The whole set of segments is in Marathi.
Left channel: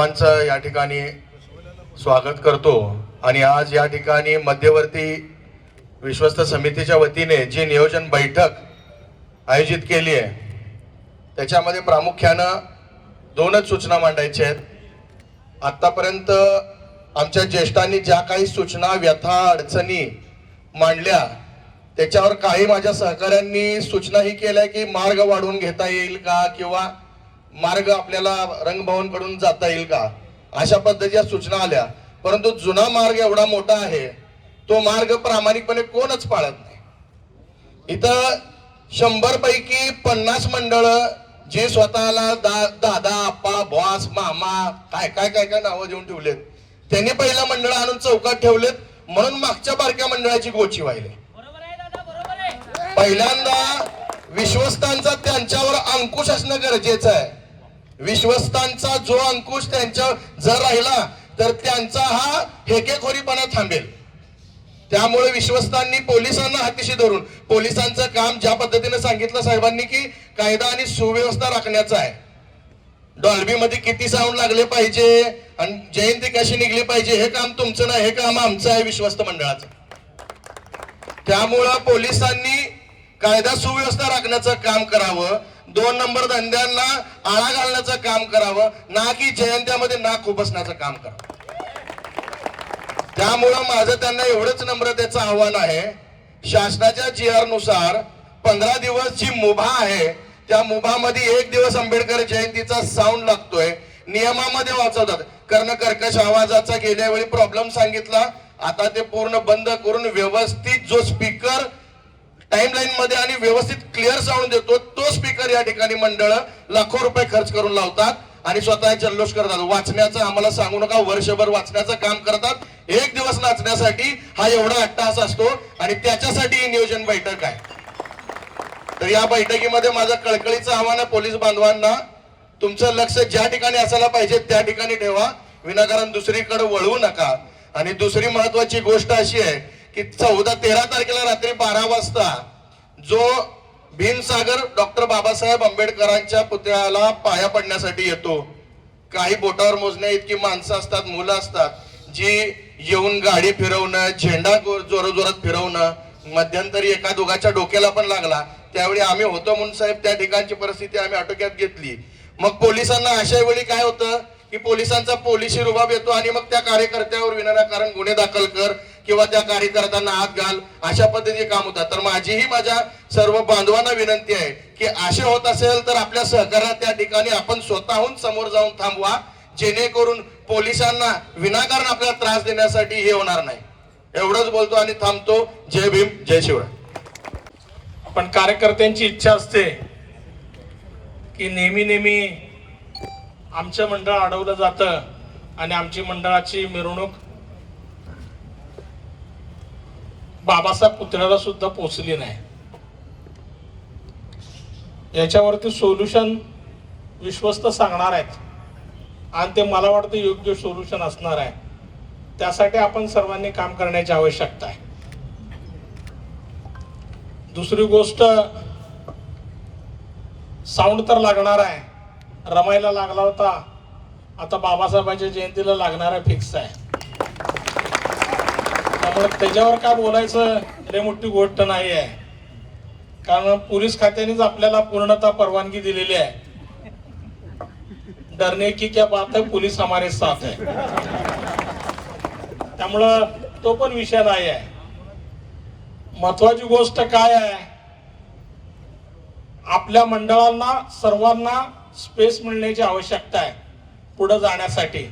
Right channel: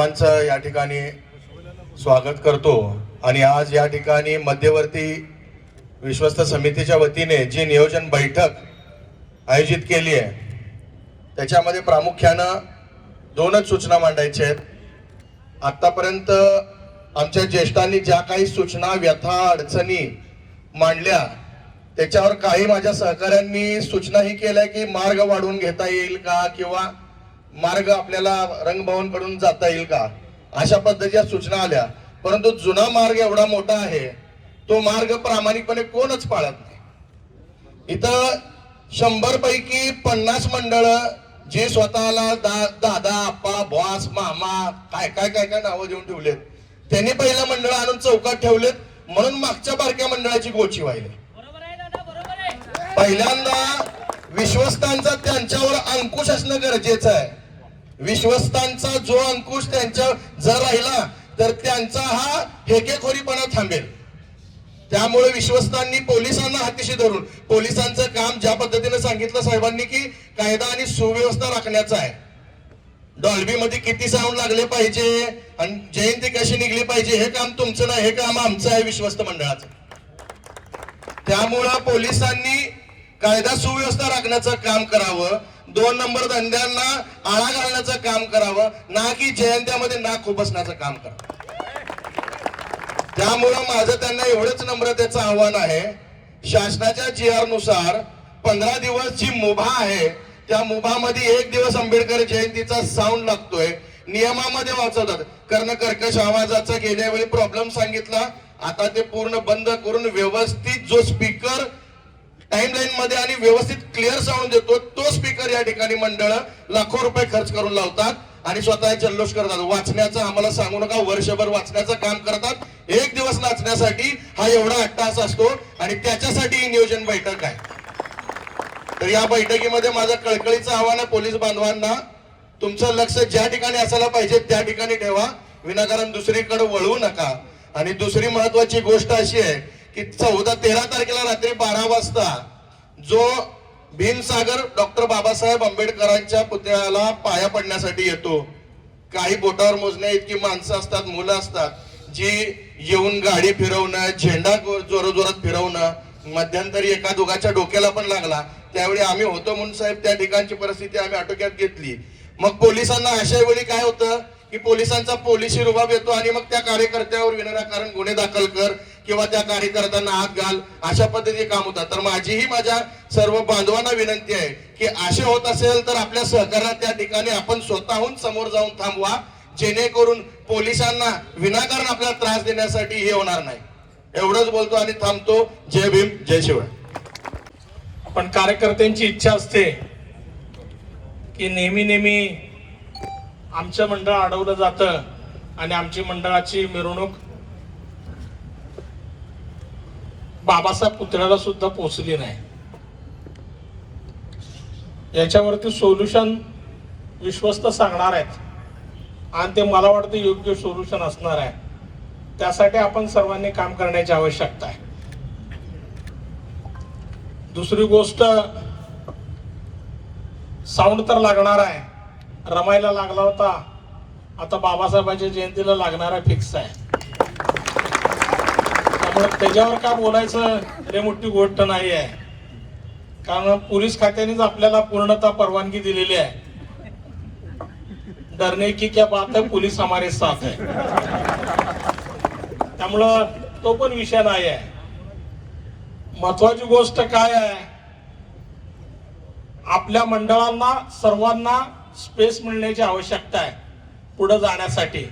सर्वांचं या ठिकाणी स्वागत करतो आणि आज या ठिकाणी मध्यवर्ती विश्वस्त समितीच्या वतीने जी नियोजन बैठक आयोजित केली आहे त्याच्यामध्ये प्रामुख्यानं दोनच सूचना मांडायच्या आहेत। आतापर्यंत आमच्या ज्येष्ठांनी ज्या काही सूचना व्यथा अडचणी मांडल्या त्याच्यावर काही माझ्या सहकाऱ्यांनी सूचना ही केल्या की मार्ग वाढवून घेता येईल का किंवा मार्ग आपल्याला रंगभवन कडून जाता येईल का, अशा पद्धतीच्या सूचना आल्या। परंतु जुना मार्ग एवढा मोठा आहे तो मार्ग प्रामाणिकपणे कोणच पाळत नाही। इथं 100 पैकी 50 मंडळ जे स्वतःला दादा आप्पा बॉस मामा काय काय काय काय नावं देऊन ठेवलेत, त्यांनी पहिलं मंडळ आणून चौकात ठेवलेत म्हणून मागच्या बारक्या मंडळाची गोची व्हायली। पहिल्यांदा विश्वस्तांचा त्यांच्यावर अंकुश असणं गरजेचं आहे। विश्वस्तांचा जो अंकुश त्यांच्यावर जर राहिला तर त्यांचा हा हेकेखोरीपणा थांबेल। त्यामुळे विश्वस्तांनी पोलिसांना हातीशी धरून, पोलिसांचं काम ज्या पद्धतीने सांगितलं साहेबांनी की कायदा आणि सुव्यवस्था राखण्याचं आहे। डॉल्बी मध्ये किती साऊंड लागले पाहिजे आणि जयंती कशी निघली पाहिजे हे काम तुमचं नाही, हे काम आमचं आहे विश्वस्त मंडळाचं। त्यामुळं पोलिसांनी कायदा सुव्यवस्था राखण्याचं काम करावं, 2 नंबर धंद्यांना आळा घालण्याचं काम करावं, ना की जयंत्यामध्ये नाक खुपसण्याचं काम करावं। त्यामुळं माझं त्यांना एवढंच नम्रतेचं आव्हान आहे, शासनाच्या GR नुसार 15 दिवस जी मुभा आहे त्या मुभामध्ये 1 दिवस आंबेडकर जयंतीचा साऊंड लागतोय। नियमामध्ये वाचवतात कर्ण कर्कश आवाजाचा गेल्या वेळी प्रॉब्लेम सांगितला, आता ते पूर्ण बंद करून व्यवस्थित जो स्पीकर टाइमलाईन मध्ये आणि व्यवस्थित क्लिअर साऊंड देतो तो स्पीकर या ठिकाणी मंडळ लाखो रुपये खर्च करून लावतात आणि स्वतः जल्लोष करतात। वाचण्याचं आम्हाला सांगू नका, वर्षभर वाचण्याचं काम करतात, 1 दिवस नाचण्यासाठी हा एवढा अट्टहास असतो आणि त्याच्यासाठी ही नियोजन बैठक आहे। तर या बैठकीमध्ये माझं कळकळीचं आव्हान आहे पोलीस बांधवांना, तुमचं लक्ष ज्या ठिकाणी असायला पाहिजे त्या ठिकाणी ठेवा, विनाकारण दुसरीकडे वळवू नका। आणि दुसरी महत्वाची गोष्ट अशी आहे की 14-13 तारखेला रात्री 12 वाजता जो भीमसागर डॉक्टर बाबासाहेब आंबेडकरांच्या पुतळ्याला पाया पडण्यासाठी येतो, काही बोटावर मोजण्या इतकी माणसं असतात, मुलं असतात, जी येऊन गाडी फिरवणं, झेंडा जोरात फिरवणं, मध्यंतरी एका दोघाच्या डोक्याला पण लागला, त्यावेळी आम्ही होतो म्हणून साहेब त्या ठिकाणची परिस्थिती आम्ही आटोक्यात घेतली। मग पोलिसांना अशा वेळी काय होतं की पोलिसांचा पोलिसी रुबाब येतो आणि मग त्या कार्यकर्त्यावर विनाकारण गुन्हे दाखल कर किंवा त्या कार्यकर्त्यांना हात घाल, अशा पद्धतीचे काम होतात। तर माझीही माझ्या सर्व बांधवांना विनंती आहे की असे होत असेल तर आपल्या सहकार्यात त्या ठिकाणी आपण स्वतःहून समोर जाऊन थांबवा, जेणेकरून पोलिसांना विनाकारण आपल्याला त्रास देण्यासाठी हे होणार नाही। एवढंच बोलतो आणि थांबतो। जय भीम, जय शिवराय। पण कार्यकर्त्यांची इच्छा असते की नेहमी आमचं मंडळ अडवलं जातं आणि आमची मंडळाची मिरवणूक बाबासाहेब पुतळ्याला सुद्धा पोहोचली नाही। याच्यावरती सोल्युशन विश्वस्त सांगणार आहेत आणि ते मला वाटतं योग्य सोल्युशन असणार आहे। त्यासाठी आपण सर्वांनी काम करण्याची आवश्यकता आहे। दुसरी गोष्ट, साऊंड तर लागणार आहे, रमायला लागला होता, आता बाबासाहेबांच्या जयंतीला लागणार आहे, फिक्स आहे। त्यामुळे त्याच्यावर काय बोलायचं लय मोठी गोष्ट नाही आहे, कारण पोलीस खात्यानेच आपल्याला पूर्णतः परवानगी दिलेली आहे। डरने की क्या बात है, पोलीस हमारे साथ है। त्यामुळं तो पण विषय नाही आहे। महत्वाची गोष्ट काय आहे, आपल्या मंडळांना सर्वांना स्पेस मिळण्याची आवश्यकता आहे पुढे जाण्यासाठी।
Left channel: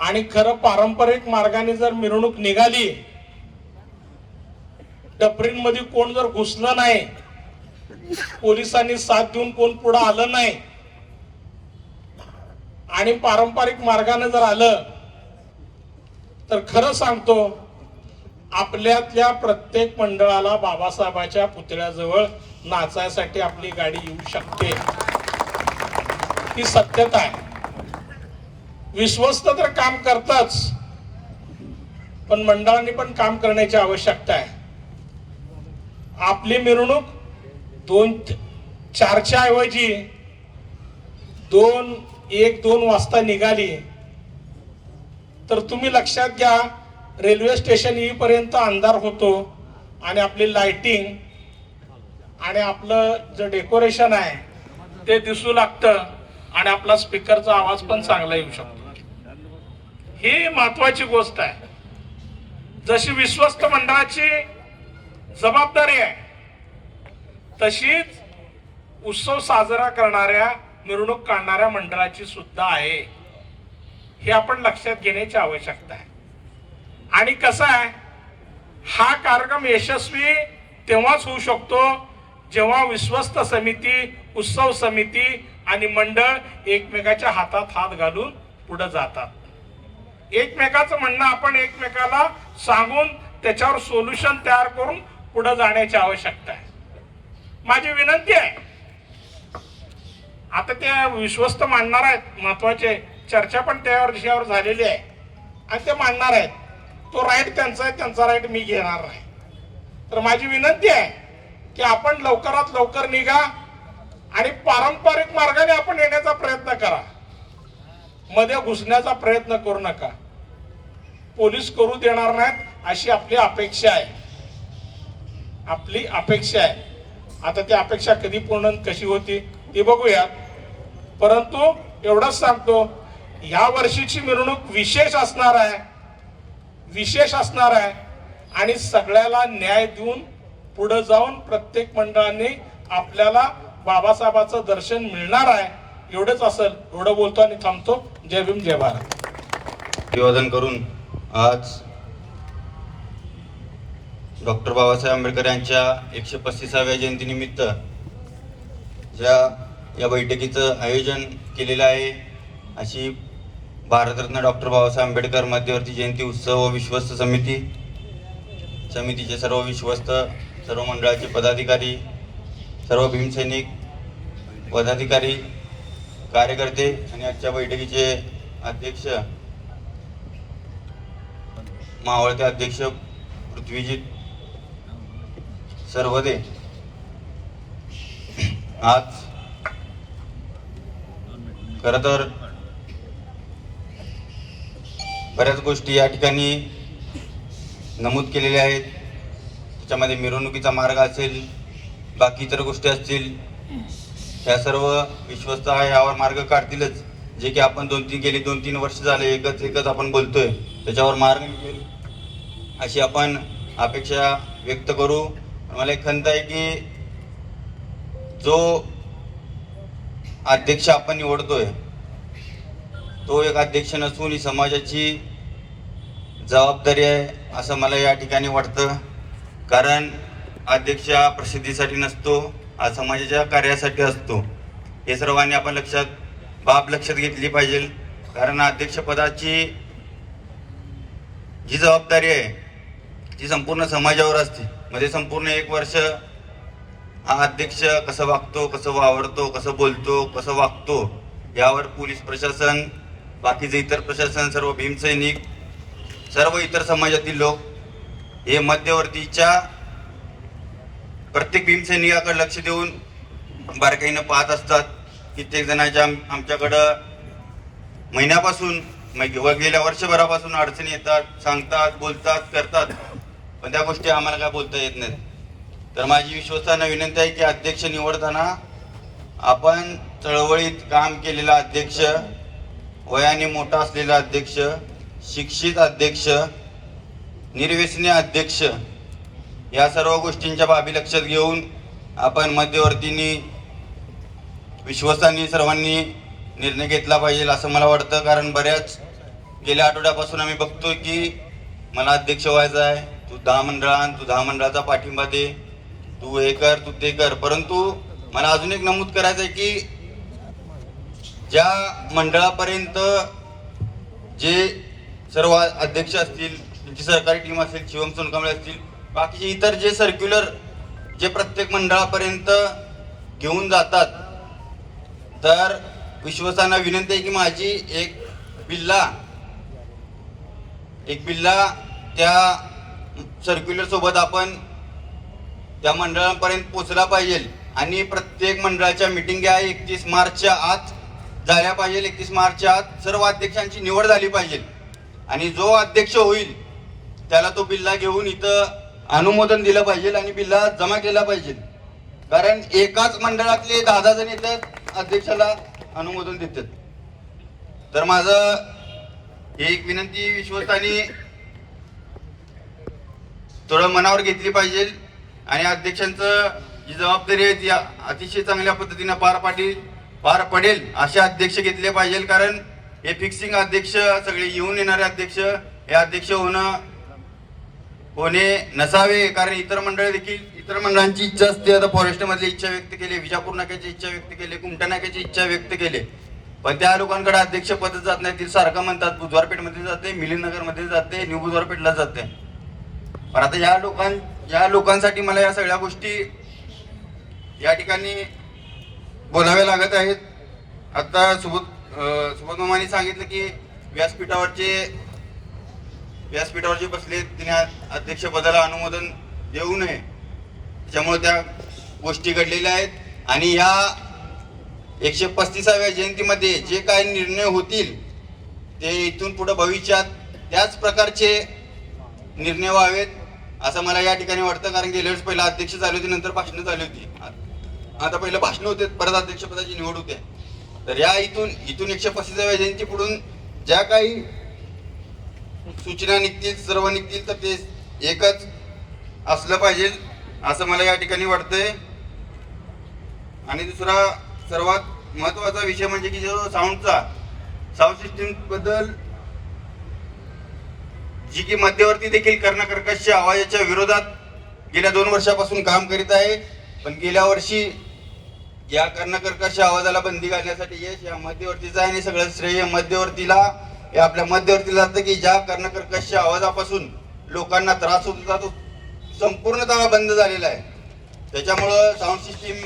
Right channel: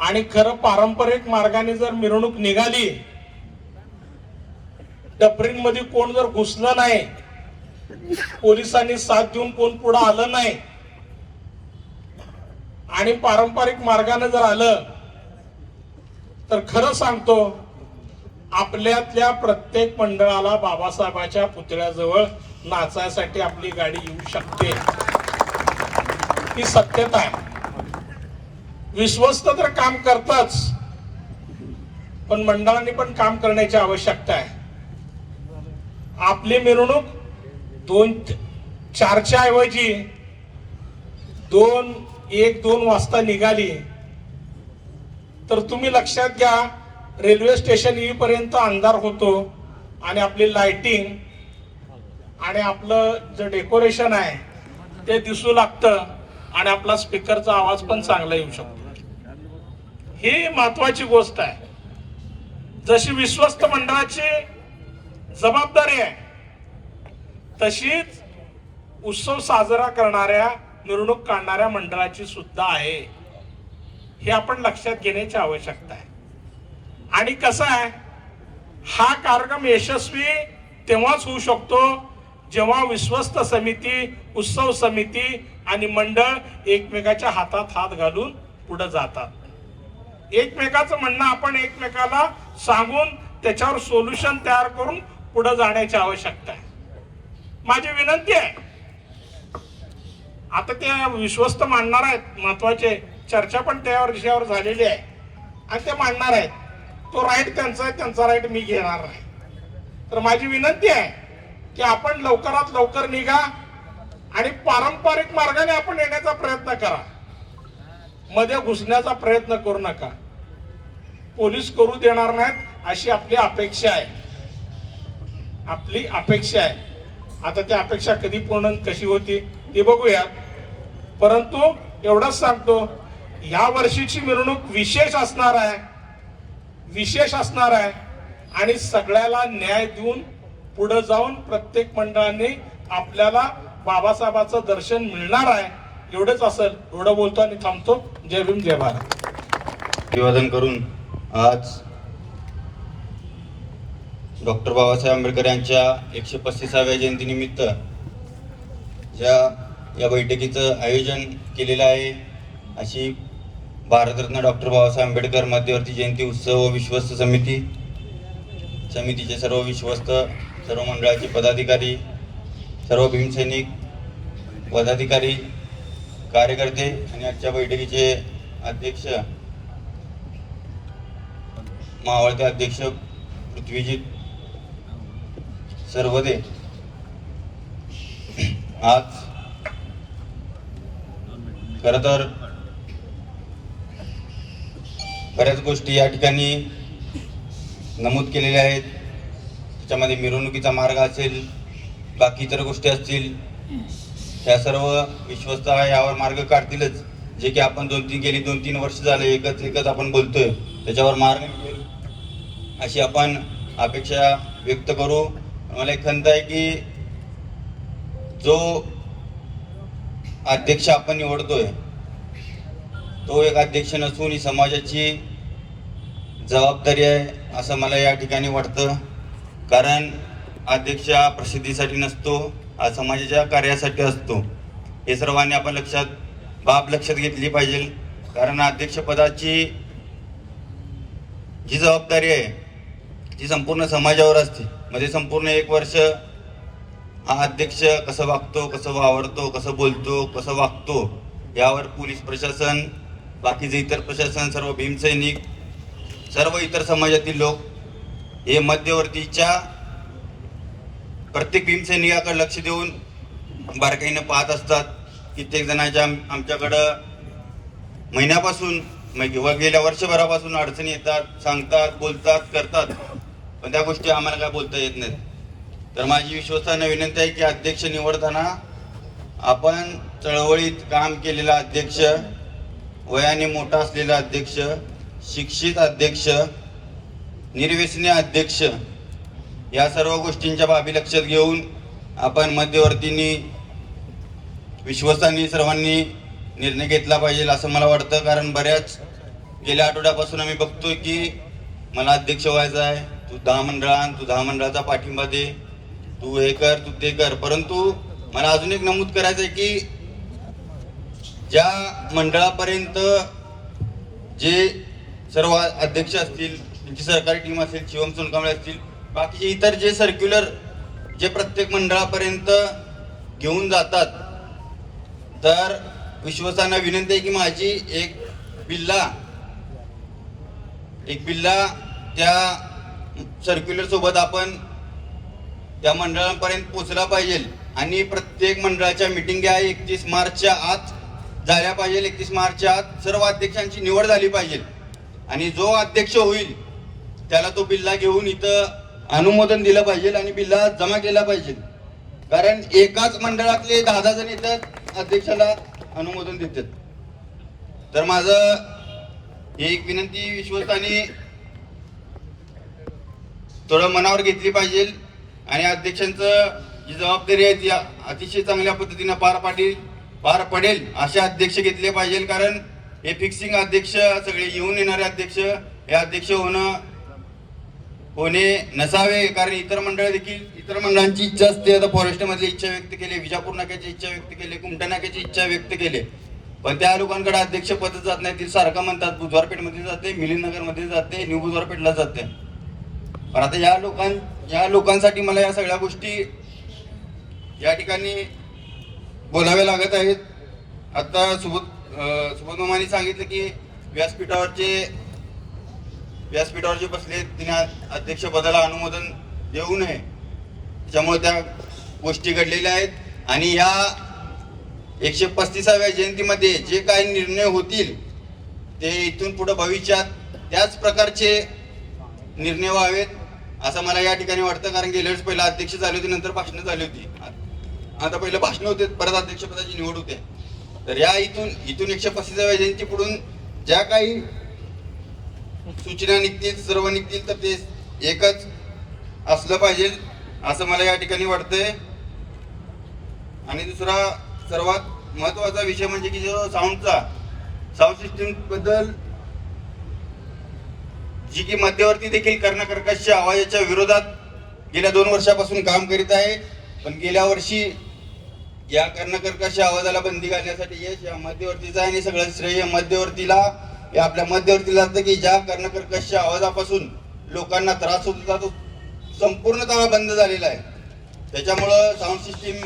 आणि खरं पारंपरिक मार्गाने जर मिरवणूक निघाली, डफरींमध्ये कोण जर घुसलं नाही, पोलिसांनी साथ देऊन कोण पुढे आलं नाही आणि पारंपरिक मार्गाने जर आलं तर खरं सांगतो आपल्यातल्या प्रत्येक मंडळाला बाबासाहेबांच्या पुतळ्याजवळ नाचायसाठी आपली गाडी येऊ शकते, ही सत्यता आहे। विश्वस्त तर काम करतच, पण मंडळांनी पण काम करण्याची आवश्यकता आहे। आपली मिरवणूक 2-4च्या ऐवजी 2 1-2 वाजता निघाली तर तुम्ही लक्षात घ्या, रेल्वे स्टेशन येईपर्यंत अंधार होतो आणि आपली लाइटिंग आणि आपलं जे डेकोरेशन आहे ते दिसू लागतं आणि आपला स्पीकरचा आवाज पण चांगला येऊ शकतो. ही महत्वाची गोष्ट आहे. जशी विश्वस्त मंडळाची जबाबदारी आहे तशीच उत्सव साजरा करणाऱ्या, मिरवणूक काढणाऱ्या मंडळाची सुद्धा आहे. हे आपण लक्षात घेण्याची आवश्यकता आहे. आणि कसं आहे, हा कार्यक्रम यशस्वी तेव्हाच होऊ शकतो जेव्हा विश्वस्त समिती, उत्सव समिती आणि मंडळ एकमेकाच्या हातात हात घालून पुढे जातात. एकमेकाचं म्हणणं आपण एकमेकाला सांगून त्याच्यावर सोल्युशन तयार करून पुढे जाण्याची आवश्यकता आहे. माझी विनंती आहे, आता ते विश्वस्त मांडणार आहेत, महत्वाचे चर्चा पण त्यावर विषयावर झालेली आहे आणि ते मांडणार आहेत. तो राईट त्यांचा आहे, त्यांचा राईट मी घेणार नाही. तर माझी विनंती आहे की आपण लवकरात लवकर निघा आणि पारंपरिक मार्गाने आपण येण्याचा प्रयत्न करा. मध्ये घुसण्याचा प्रयत्न करू नका. पोलीस करू देणार नाहीत अशी आपली अपेक्षा आहे. आपली अपेक्षा आहे. आता ती अपेक्षा कधी पूर्ण कशी होती ते बघूया. परंतु एवढंच सांगतो, या वर्षीची मिरवणूक विशेष असणार आहे, विशेष असणार आहे आणि सगळ्याला न्याय देऊन पुढे जाऊन प्रत्येक मंडळाने आपल्याला बाबासाहेबांचं दर्शन मिळणार आहे. एवढंच असेल. एवढं बोलतो आणि थांबतो. जय भीम, जय भारत. अभिवादन करून आज डॉक्टर बाबासाहेब आंबेडकर यांच्या 135व्या जयंतीनिमित्त या बैठकीचं आयोजन केलेलं आहे. अशी भारतरत्न डॉक्टर बाबासाहेब आंबेडकर मध्यवर्ती जयंती उत्सव व विश्वस्त समितीचे सर्व विश्वस्त, सर्व मंडळाचे पदाधिकारी, सर्व भीमसैनिक पदाधिकारी, कार्यकर्ते आणि आजच्या बैठकीचे अध्यक्ष, मावळते अध्यक्ष पृथ्वीजीत सर्वदे. आज खर तर बऱ्याच गोष्टी या ठिकाणी नमूद केलेल्या आहेत. त्याच्यामध्ये मिरवणुकीचा मार्ग असेल, बाकी इतर गोष्टी असतील, ह्या सर्व विश्वस्त यावर मार्ग काढतीलच. जे की आपण गेली 2-3 वर्ष झाले एकच आपण बोलतोय, त्याच्यावर मार्ग निघेल अशी आपण अपेक्षा व्यक्त करू. मला एक खंत आहे की जो अध्यक्ष आपण निवडतोय तो एक अध्यक्ष नसून ही समाजाची जबाबदारी आहे असं मला या ठिकाणी वाटतं. कारण अध्यक्ष प्रसिद्धीसाठी नसतो, हा समाजाच्या कार्यासाठी असतो. हे सर्वांनी आपण लक्षात घेतली पाहिजे. कारण अध्यक्षपदाची जी जबाबदारी आहे ती संपूर्ण समाजावर असते. म्हणजे संपूर्ण 1 वर्ष हा अध्यक्ष कसं वागतो, कसं वावरतो, कसं बोलतो, कसं वागतो, यावर पोलीस प्रशासन, बाकीचे इतर प्रशासन, सर्व भीमसैनिक, सर्व इतर समाजातील लोक हे मध्यवर्तीच्या प्रत्येक भीमसैनिकाकडे लक्ष देऊन बारकाईनं पाहत असतात. कित्येक जणांच्या आमच्याकडं महिन्यापासून किंवा गेल्या वर्षभरापासून अडचणी येतात, सांगतात, बोलतात, करतात, पण त्या गोष्टी आम्हाला काय बोलता येत नाहीत. तर माझी विश्वासानं विनंती आहे की अध्यक्ष निवडताना आपण चळवळीत काम केलेला अध्यक्ष, वयाने मोठा असलेला अध्यक्ष, शिक्षित अध्यक्ष, निर्व्यसनी अध्यक्ष, या सर्व गोष्टींच्या बाबी लक्षात घेऊन आपण मध्यवर्तींनी, विश्वासांनी सर्वांनी निर्णय घेतला पाहिजे असं मला वाटतं. कारण बऱ्याच गेल्या आठवड्यापासून आम्ही बघतोय की मला अध्यक्ष व्हायचं आहे, तू 10 मंडळाचा पाठिंबा दे, तू हे कर, तू ते कर. परंतु मला अजून एक नमूद करायचं आहे की ज्या मंडळापर्यंत जे सर्व अध्यक्ष असतील, त्यांची सहकारी टीम असेल, शिवम सोनकांबळे असतील, बाकीचे इतर जे सर्क्युलर जे प्रत्येक मंडळापर्यंत घेऊन जातात, तर विश्वासांना विनंती आहे की माझी एक बिल्ला त्या सर्क्युलर सोबत आपण त्या मंडळापर्यंत पोहोचला पाहिजे. आणि प्रत्येक मंडळाच्या मिटिंग 31 मार्चच्या आत झाल्या पाहिजे. 31 मार्चच्या आत सर्व अध्यक्षांची निवड झाली पाहिजे आणि जो अध्यक्ष होईल त्याला तो बिल्ला घेऊन इथं अनुमोदन दिलं पाहिजे आणि बिल्ला जमा केला पाहिजे. कारण एकाच मंडळातले 10 जण येतात अध्यक्षाला अनुमोदन देतात. तर माझं ही एक विनंती विश्वस्तांनी थोडं मनावर घेतली पाहिजे आणि अध्यक्षांचं जी जबाबदारी आहे ती अतिशय चांगल्या पद्धतीने पार पडेल असे अध्यक्ष घेतले पाहिजे. कारण हे फिक्सिंग अध्यक्ष सगळे येऊन येणारे अध्यक्ष हे अध्यक्ष होणे नसावे. कारण इतर मंडळांची इच्छा असते. आता फॉरेस्ट मधली इच्छा व्यक्त केली, विजापूर नाक्याची इच्छा व्यक्त केली, कुमटा नाक्याची इच्छा व्यक्त केली, पण त्या लोकांकडे अध्यक्ष पद जात नाही. ते सारखं म्हणतात बुधवारपेठ मध्ये जाते, मिलिंदनगर मध्ये जाते, न्यू बुधवारपेठला जाते. पण आता या लोकांसाठी मला या सगळ्या गोष्टी या ठिकाणी बोलाव्या लागत आहेत. आता सुबोध मामांनी सांगितलं की व्यासपीठावर जे बसले तिने अध्यक्ष पदाला अनुमोदन देऊ नये, त्यामुळे त्या गोष्टी घडलेल्या आहेत. आणि या 135व्या जयंतीमध्ये जे काही निर्णय होतील ते इथून पुढे भविष्यात त्याच प्रकारचे निर्णय व्हावेत असं मला या ठिकाणी वाटतं. कारण गेल्या वेळेस पहिला अध्यक्ष झाले होते, नंतर भाषणं झाली होती, आता पहिलं भाषण होते, परत अध्यक्षपदाची निवड होते. तर या इथून 135व्या जयंती पुढून ज्या काही सूचना निघतील, सर्व निघतील, तर ते एकच असलं पाहिजे असं मला या ठिकाणी वाटतंय. आणि दुसरा सर्वात महत्वाचा विषय म्हणजे की जो साऊंड सिस्टीम बद्दल जी की मध्यवर्ती देखील कर्णकर्कश आवाजाच्या विरोधात गेल्या 2 वर्षापासून काम करीत आहे. पण गेल्या वर्षी या कर्णकर्कश आवाजाला बंदी घालण्यासाठी यश या मध्यवर्तीचा आहे आणि सगळं श्रेय मध्यवर्तीला आपल्या मध्यवर्तीला जातं की ज्या कर्णकर्कश आवाजापासून लोकांना त्रास होत होता तो संपूर्णतः बंद झालेला आहे. त्याच्यामुळं साऊंड सिस्टीम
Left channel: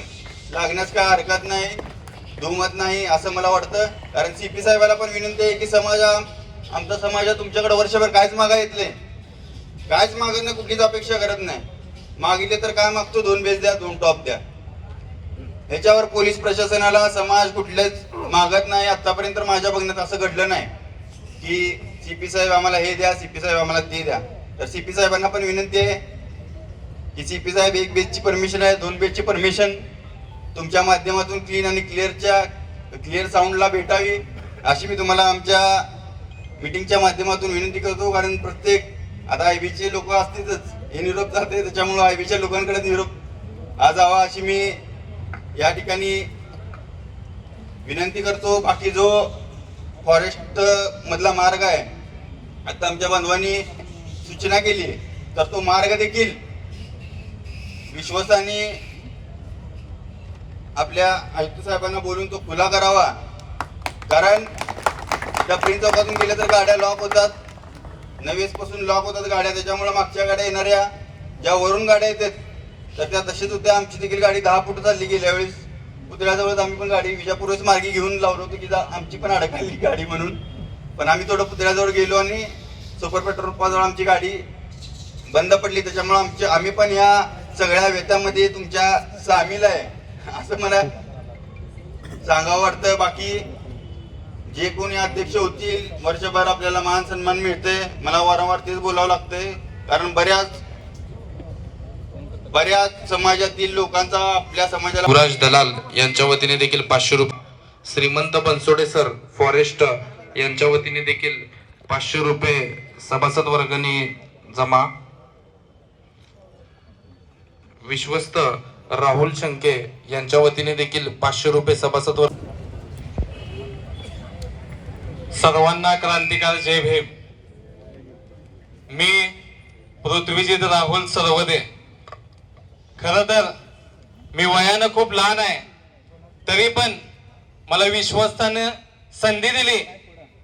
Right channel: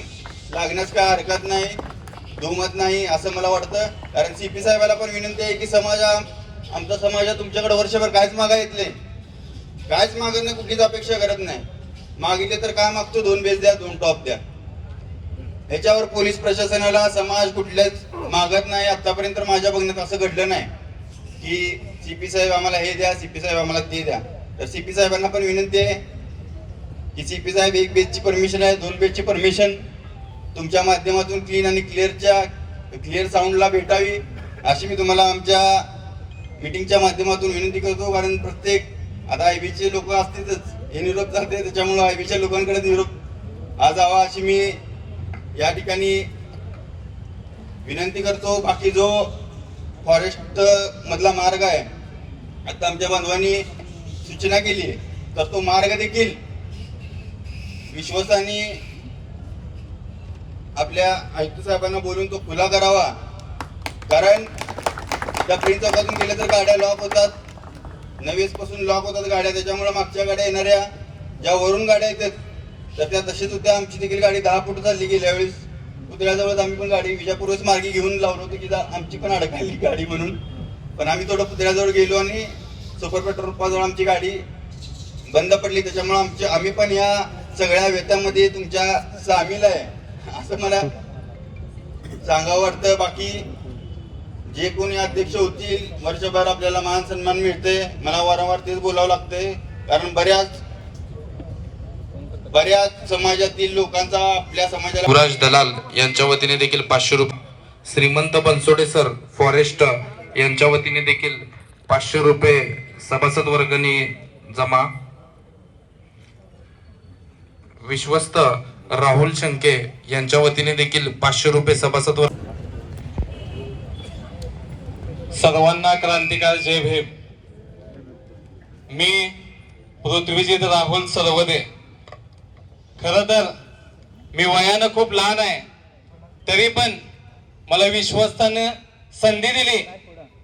लागण्यास काय हरकत नाही, दुमत नाही असं मला वाटतं. कारण सीपी साहेबाला पण विनंती आहे की आमचा समाज तुमच्याकडे वर्षभर काहीच मागा येतले, काहीच मागणं कुठलीच अपेक्षा करत नाही. मागितले तर काय मागतो, 2 बेस द्या, 2 टॉप द्या. ह्याच्यावर पोलीस प्रशासनाला समाज कुठलेच मागत नाही. आतापर्यंत माझ्या बघण्यात असं घडलं नाही की सीपी साहेब आम्हाला हे द्या, सीपी साहेब आम्हाला ते द्या. तर सीपी साहेबांना पण विनंती आहे की सीपी साहेब 1 बेसची परमिशन आहे, 2 बेसची परमिशन तुमच्या माध्यमातून क्लीन आणि क्लिअर साऊंडला भेटावी अशी मी तुम्हाला आमच्या मीटिंगच्या माध्यमातून विनंती करतो. कारण प्रत्येक आता आयबीचे लोक असतीलच, हे निरोप जाते, त्याच्यामुळे आयबीच्या लोकांकडे निरोप आज जावा अशी मी या ठिकाणी विनंती करतो. बाकी जो फॉरेस्ट मधला मार्ग आहे, आता आमच्या बांधवांनी सूचना केली, तर तो मार्ग देखील विश्वासाने आपल्या आयुक्त साहेबांना बोलून तो खुला करावा. कारण त्या प्रिन्स चौकातून गेले तर गाड्या लॉक होतात, नवेस पासून लॉक होतात गाड्या. त्याच्यामुळे मागच्या गाड्या येणाऱ्या ज्या वरून गाड्या येतात तर त्या तशीच होत्या. आमची देखील गाडी 10 फूट चालली गेल्या वेळेस पुतळ्याजवळ. आम्ही पण गाडी विजापूरच मार्गी घेऊन लावलो होतो की आमची पण अडकली गाडी म्हणून, पण आम्ही थोडं पुतळ्याजवळ गेलो आणि सुपर पेट्रोल पंपाजवळ आमची गाडी बंद पडली. त्याच्यामुळे आम्ही पण या सगळ्या व्यथामध्ये तुमच्या सामील आहे असं मला सांगावं वाटतं. बाकी जे कोणी अध्यक्ष होतील वर्षभर आपल्याला मान सन्मान मिळते. मला वारंवार तेच बोलावं लागतंय, कारण बऱ्याच समाजातील लोकांचा आपल्या समाजाला. युवराज दलाल यांच्या वतीने देखील 500 रुपये, श्रीमंत बनसोडे सर फॉरेस्ट यांच्या वतीने देखील 500 रुपये सभासद वर्गणी जमा. विश्वस्त राहुल शंके यांच्या वतीने देखील 500 रुपये सभासद वर्ग. सर्वांना क्रांतिकारी जय भीम. मी पृथ्वीजीत राहुल सरवदे. खरं तर मी वयानं खूप लहान आहे, तरी पण मला विश्वस्तानं संधी दिली.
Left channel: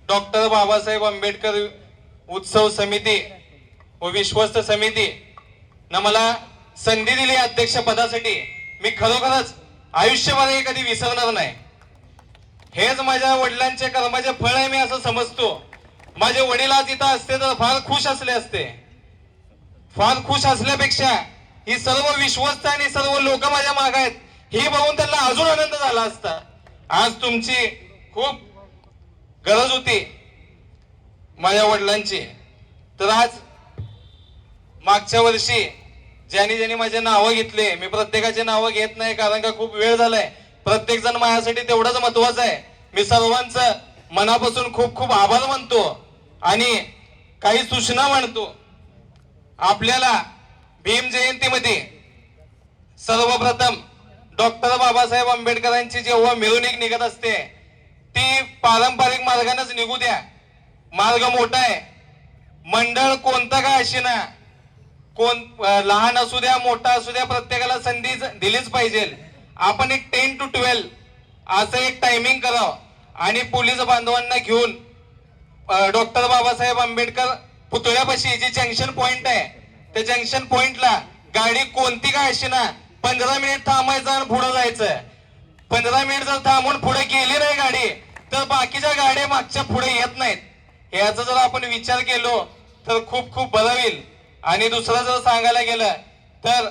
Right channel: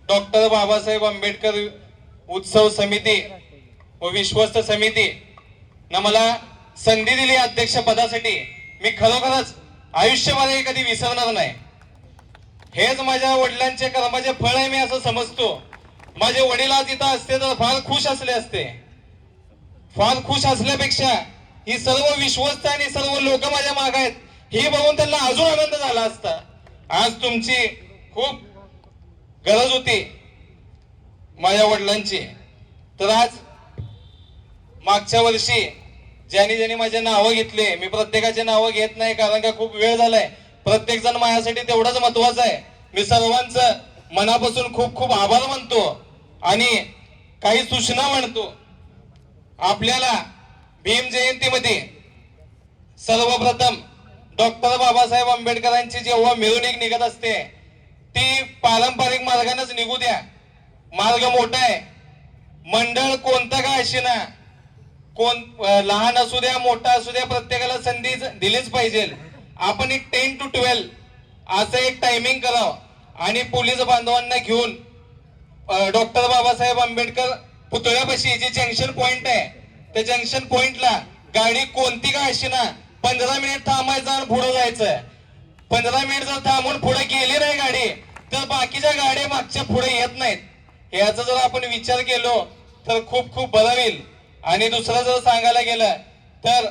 डॉक्टर बाबासाहेब आंबेडकर उत्सव समिती व विश्वस्त समिती न मला संधी दिली अध्यक्ष पदासाठी. मी खरोखरच आयुष्यभर कधी विसरणार नाही. हेच माझ्या वडिलांचे कर्माचे फळ आहे मी असं समजतो. माझे वडील आज इथं असते तर फार खुश असले असते. फार खुश असल्यापेक्षा ही सर्व विश्वस्त आणि सर्व लोक माझ्या मागे आहेत हे बघून त्यांना अजून आनंद झाला असता. आज तुमची खूप गरज होती माझ्या वडिलांची. तर आज मागच्या वर्षी ज्यांनी ज्यांनी माझे नावं घेतले, मी प्रत्येकाचे नावं घेत नाही कारण का खूप वेळ झालाय, प्रत्येक जण माझ्यासाठी तेवढाच महत्वाचा आहे. मी सर्वांचं मनापासून खूप खूप आभार मानतो आणि काही सूचना मांडतो. आपल्याला भीम जयंतीमध्ये सर्वप्रथम डॉक्टर बाबासाहेब आंबेडकरांची जेव्हा मिरवणूक निघत असते ती पारंपरिक मार्गानेच निघू द्या. मार्ग मोठा आहे. मंडळ कोणतं का असेना, कोण लहान असू द्या मोठा असू द्या, प्रत्येकाला संधी दिलीच पाहिजे. आपण एक 10 to 12 असं एक टायमिंग करावं आणि पोलीस बांधवांना घेऊन डॉक्टर बाबासाहेब आंबेडकर पुतळ्यापाशी जे जंक्शन पॉइंट आहे त्या जंक्शन पॉइंटला गाडी कोणती का असेना 15 मिनिट थांबायचं आणि पुढे जायचं. 15 मिनिट जर थांबून पुढे गेली नाही गाडी तर बाकीच्या गाड्या मागच्या पुढे येत नाहीत. याचा जर आपण विचार केलो तर खूप खूप बरं होईल. आणि दुसरं जर सांगायला गेलं तर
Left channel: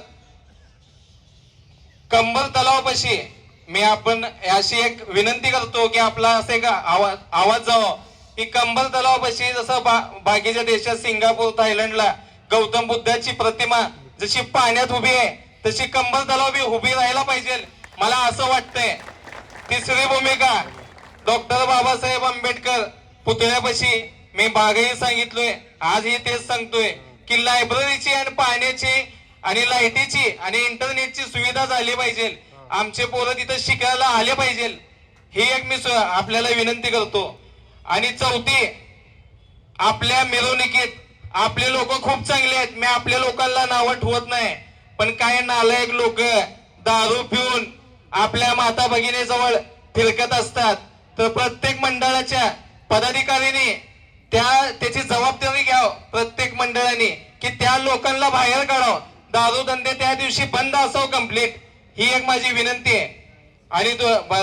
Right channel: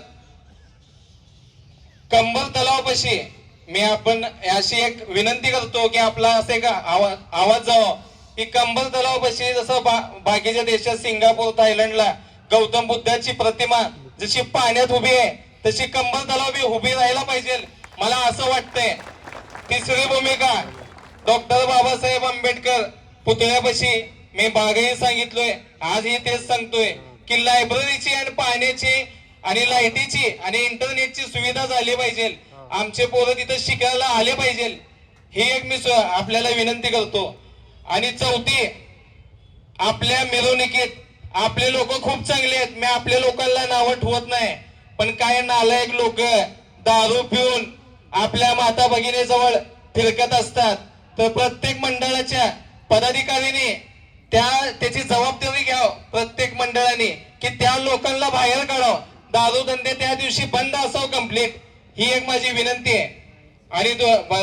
कंबर तलावापाशी मी आपण अशी एक विनंती करतो की आपला असे का आवाज जावं की कंबर तलावापाशी जसं बाकीच्या देशात सिंगापूर थायलंडला गौतम बुद्धाची प्रतिमा जशी पाण्यात उभी आहे तशी कंबर तलाव उभी राहायला पाहिजे. मला असं वाटतंय. तिसरी भूमिका डॉक्टर बाबासाहेब आंबेडकर पुतळ्यापाशी मी मागेही सांगितलोय, आजही तेच सांगतोय की लायब्ररीची आणि पाण्याची आणि लाईटीची आणि इंटरनेटची सुविधा झाली पाहिजे. आमचे पोरं तिथं शिकायला आले पाहिजे. ही एक मी आपल्याला विनंती करतो. आणि चौथी, आपल्या मिरवणुकीत आपले लोक खूप चांगले आहेत. मी आपल्या लोकांना नावं ठेवत नाही, पण काही नालायक लोक दारू पिऊन आपल्या माता भगिनीजवळ फिरकत असतात. तर प्रत्येक मंडळाच्या पदाधिकाऱ्यांनी त्याची जबाबदारी घ्यावं. प्रत्येक मंडळाने की त्या लोकांना बाहेर काढावं. दारू धंदे त्या दिवशी बंद असावं कंप्लीट. ही एक माझी विनंती आहे. आणि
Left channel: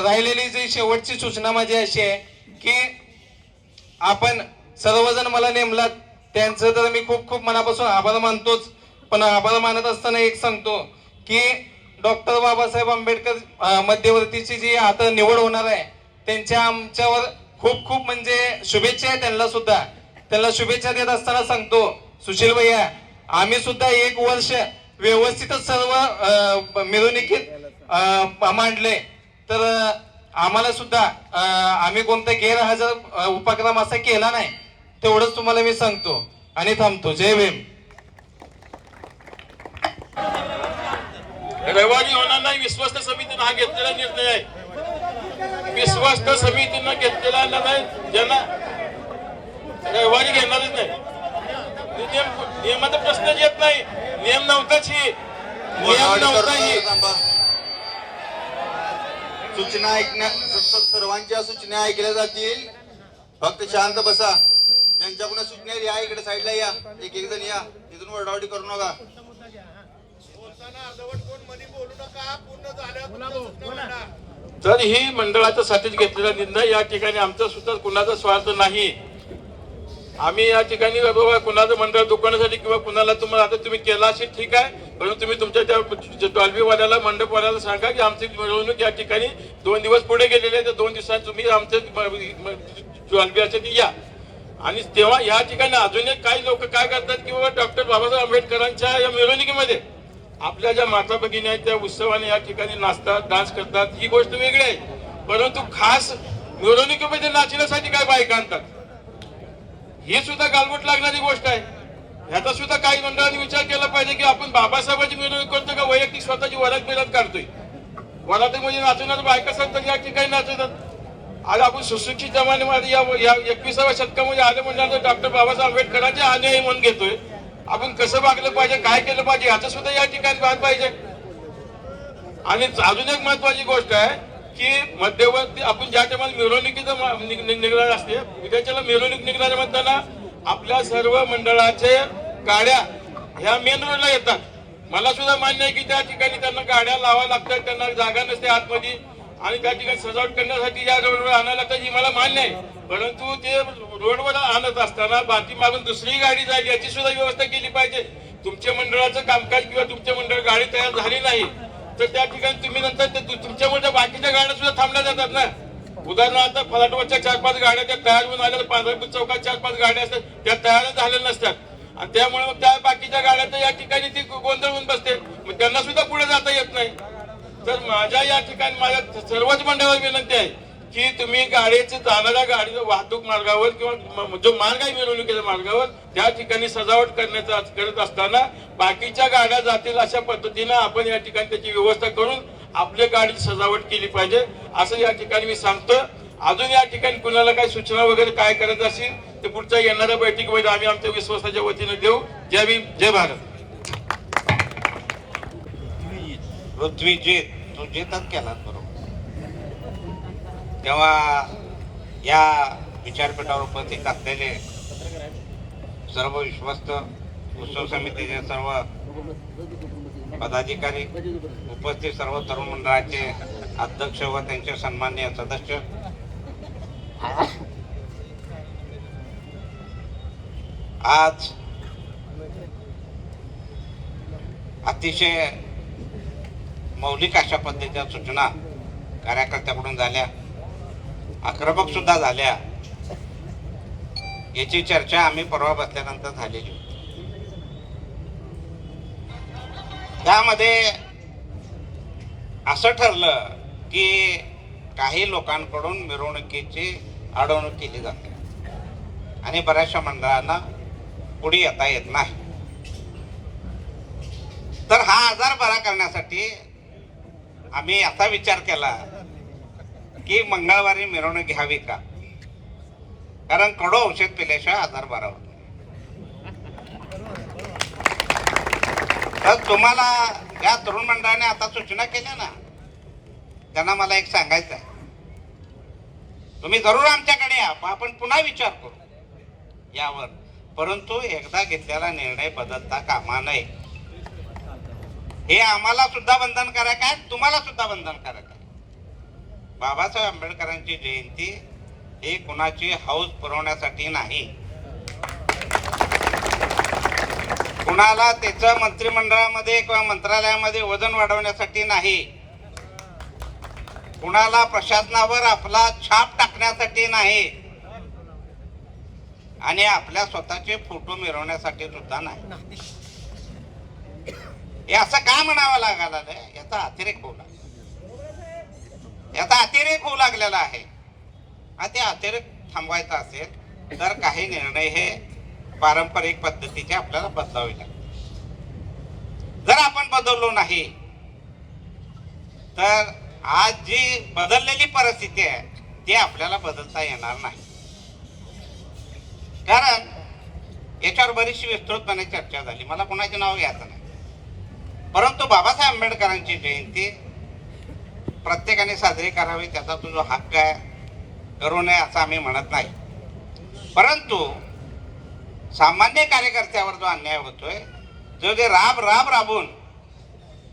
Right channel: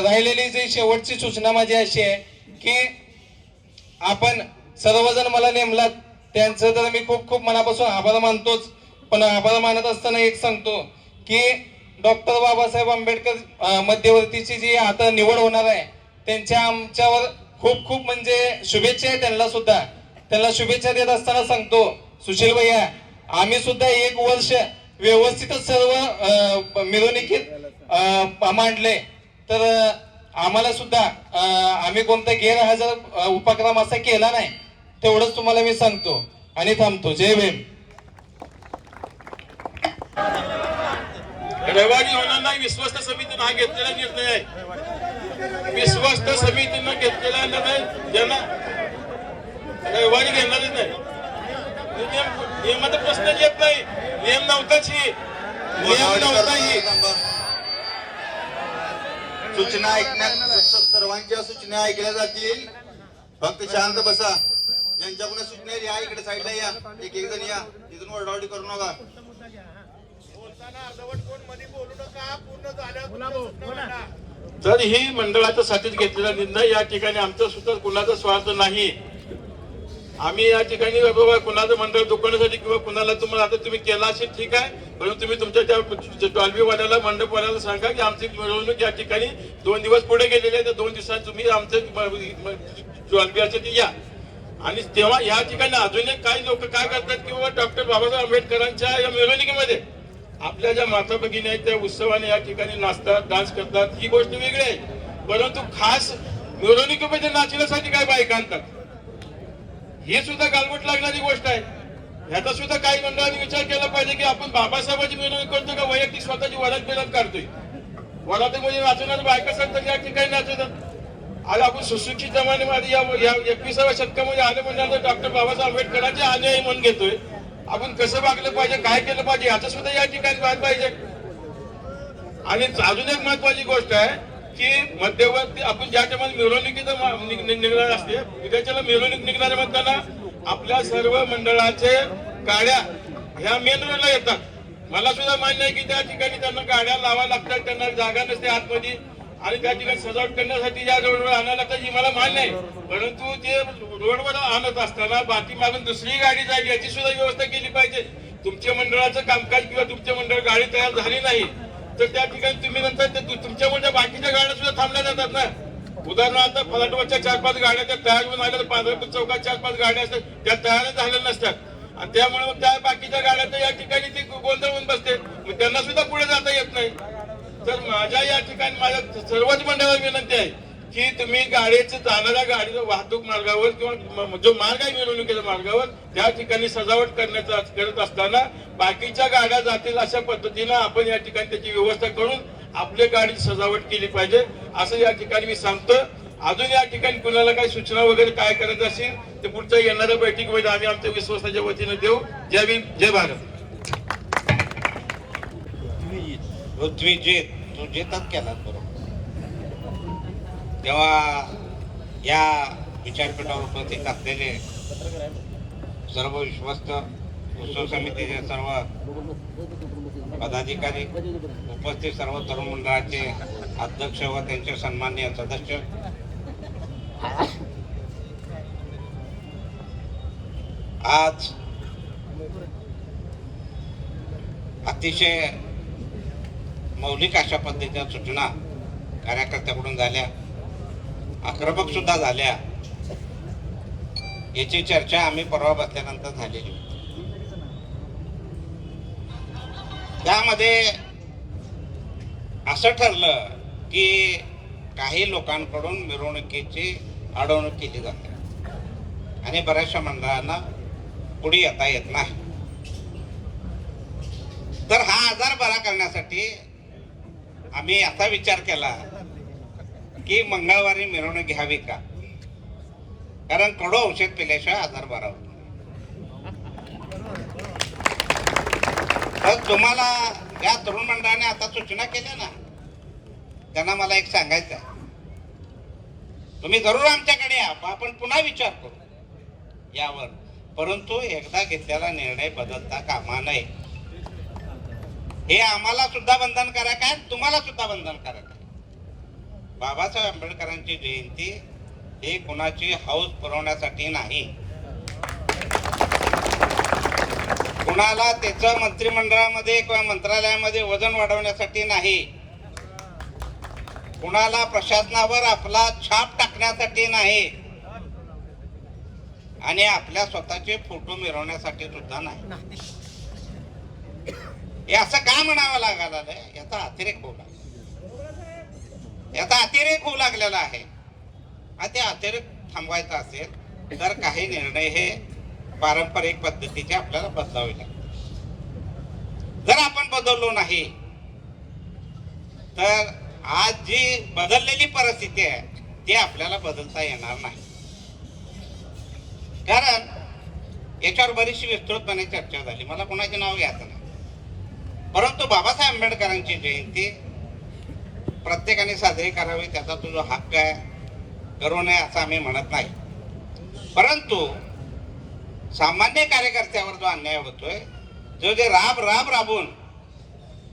राहिलेली जी शेवटची सूचना माझी अशी आहे की आपण सर्वजण मला नेमलात त्यांचं तर मी खूप खूप मनापासून आभार मानतोच. पण आभार मानत असताना एक सांगतो की डॉक्टर बाबासाहेब आंबेडकर मध्यवर्तीची जी आता निवड होणार आहे त्यांच्या आमच्यावर खूप खूप म्हणजे शुभेच्छा आहे. त्यांना शुभेच्छा देत असताना सांगतो, सुशील भैया आम्ही सुद्धा 1 वर्ष व्यवस्थितच सर्व मिरवणुकीत मांडले. तर आम्हाला सुद्धा आम्ही कोणता गैरहजर उपक्रम असा केला नाही. तेवढंच तुम्हाला मी सांगतो आणि थांबतो. जय भीम. रवानी होणार नाही. विश्वस्त समितीने हा घेतलेला निर्णय आहे. विश्वस्त समितीनं घेतलेला निर्णय ज्यांना रवानी घेणारच नाही. नियमाचा प्रश्न येत नाही. नियम नव्हताच ही. सूचना ऐकण्यात सर्वांच्या सूचना ऐकल्या जातील. फक्त शांत बसा. ज्यांच्याकडून सूचना या इकडे साईडला या. एक जण या. तिथून ओरडाओरडी करू नका. तर ही मंडळाच्या साठीच घेतलेला निर्णय. या ठिकाणी आमचा सुद्धा कुणाचा स्वार्थ नाही. आम्ही या ठिकाणी कुणाचं मंडळ दुकानासाठी किंवा कुणाला तुम्हाला आता तुम्ही केला असेल ठीक आहे, परंतु तुम्ही तुमच्या त्या डॉल्बीवाल्याला मंडपवाल्याला सांगा की आमची मिरवणूक या ठिकाणी 2 दिवस पुढे गेलेले आहे. तर 2 दिवसात तुम्ही आमचं डॉल्बी असेल या. आणि तेव्हा या ठिकाणी अजून एक काही लोक काय करतात की बाबा डॉक्टर बाबासाहेब आंबेडकरांच्या या मिरवणुकीमध्ये आपल्या ज्या माता भगिनी आहेत त्या उत्सवाने या ठिकाणी नाचतात, डान्स करतात. ही गोष्ट वेगळी आहे. परंतु खास मिरवणुकीमध्ये नाचण्यासाठी काय बायका आणतात, ही सुद्धा गालबोट लागणारी गोष्ट आहे. ह्याचा सुद्धा काही मंडळांनी विचार केला पाहिजे की आपण बाबासाहेबांची मिरवणूक करतो का वैयक्तिक स्वतःची वरात बिरात काढतोय. वरातीमध्ये नाचवणारे बायका असतात तर या ठिकाणी नाचवतात. आज आपण सुशिक्षित जमान्यामध्ये या 21व्या शतकामध्ये आले म्हणजे डॉक्टर बाबासाहेब आंबेडकरांचे अन्याय म्हणून घेतोय. आपण कसं वागलं पाहिजे, काय केलं पाहिजे याचा सुद्धा या ठिकाणी पाहत पाहिजे. आणि अजून एक महत्वाची गोष्ट आहे की मध्यवर्ती आपण ज्या टायमाला मिरवणुकीचं निघणार असते विद्यार्थ्याला मिरवणूक निघणारे म्हणताना आपल्या सर्व मंडळाचे गाड्या ह्या मेन रोडला येतात. मला सुद्धा मान्य आहे की त्या ठिकाणी त्यांना गाड्या लावाव्या लागतात. त्यांना जागा नसते आतमध्ये आणि त्या ठिकाणी सजावट करण्यासाठी या रोडवर आणायला लागतात. ही मला मान्य आहे. परंतु ते रोडवर आणत असताना बाकी मागून दुसरी गाडी जाईल याची सुद्धा व्यवस्था केली पाहिजे. तुमच्या मंडळाचं कामकाज किंवा तुमच्या मंडळ गाडी तयार झाली नाही तर त्या ठिकाणी तुम्ही नंतर तुमच्या म्हणजे बाकीच्या गाड्या सुद्धा थांबल्या जातात ना. उदाहरणार्थ फलाटवरच्या 4-5 गाड्या त्या तयार होऊन आल्या, पांढरपूर चौकात 4-5 गाड्या असतात, त्या तयार झालेल्या नसतात आणि त्यामुळे मग त्या बाकीच्या गाड्या तर या ठिकाणी ती गोंधळून बसते, मग त्यांना सुद्धा पुढे जाता येत नाही. तर माझ्या या ठिकाणी माझ्या सर्वच मंडळावर विनंती आहे की तुम्ही गाडीचं जाणाऱ्या गाडी वाहतूक मार्गावर किंवा जो मार्ग आहे मिरवणुकीच्या मार्गावर त्या ठिकाणी सजावट करत असताना बाकीच्या गाड्या जातील अशा पद्धतीनं आपण या ठिकाणी त्याची व्यवस्था करून आपल्या गाडीची सजावट केली पाहिजे असं या ठिकाणी मी सांगतो. अजून या ठिकाणी कुणाला काही सूचना वगैरे काय करायचं असेल ते पुढच्या येणाऱ्या बैठकीमध्ये आम्ही आमच्या विश्वासाच्या वतीने देऊ. जय भीम, जय भारत. पृथ्वीजी तू जितच केलात बरोबर. तेव्हा या विचारपीठावर उपस्थित असलेले सर्व विश्वस्त उत्सव समितीचे सर्व पदाधिकारी, उपस्थित सर्व तरुण मंडळाचे अध्यक्ष व त्यांचे सन्माननीय सदस्य, आज अतिशय मौलिक अशा पद्धतीच्या सूचना कार्यकर्त्याकडून झाल्या, आक्रमक सुद्धा झाल्या. याची चर्चा आम्ही परवा बसल्यानंतर झालेली होती. त्यामध्ये असं ठरलं की काही लोकांकडून मिरवणुकीची अडवणूक केली जाते आणि बऱ्याचशा मंडळांना पुढे येता येत नाही. तर हा आजार बरा करण्यासाठी आम्ही असा विचार केला की मंगळवारी मिरवणूक घ्यावी का, कारण कडू औषध पिल्याशिवाय आजार बरा होतो. तर तुम्हाला या तरुण मंडळाने आता सूचना केल्या ना, त्यांना मला एक सांगायचं आहे, तुम्ही जरूर आमच्याकडे या, आपण पुन्हा विचार करू यावर, परंतु एकदा घेतलेला निर्णय बदलता कामा नये. हे आम्हाला सुद्धा बंधनकारक आहे, तुम्हाला सुद्धा बंधनकारक आहे. बाबासाहेब आंबेडकरांची जयंती ही कुणाची हौस पुरवण्यासाठी नाही, कुणाला त्याचं मंत्रिमंडळामध्ये किंवा मंत्रालयामध्ये वजन वाढवण्यासाठी नाही, कुणाला प्रशासनावर आपला छाप टाकण्यासाठी नाही आणि आपल्या स्वतःचे फोटो मिरवण्यासाठी सुद्धा नाही. हे असं का म्हणावं लागायला याचा अतिरेक होऊ लागला, याचा अतिरेक होऊ लागलेला आहे. आणि ते अतिरेक थांबवायचा असेल तर काही निर्णय हे पारंपरिक पद्धतीचे आपल्याला बदलावे लागतात. जर आपण बदललो नाही तर आज जी बदललेली परिस्थिती आहे ती आपल्याला बदलता येणार नाही. कारण याच्यावर बरीचशी विस्तृतपणे चर्चा झाली, मला कोणाचे नाव घ्यायचं नाही, परंतु बाबासाहेब आंबेडकरांची जयंती प्रत्येकाने साजरी करावी, त्याचा तो जो हक्क आहे, करू नये असं आम्ही म्हणत नाही. परंतु सामान्य कार्यकर्त्यावर जो अन्याय होतोय, जो जे राबून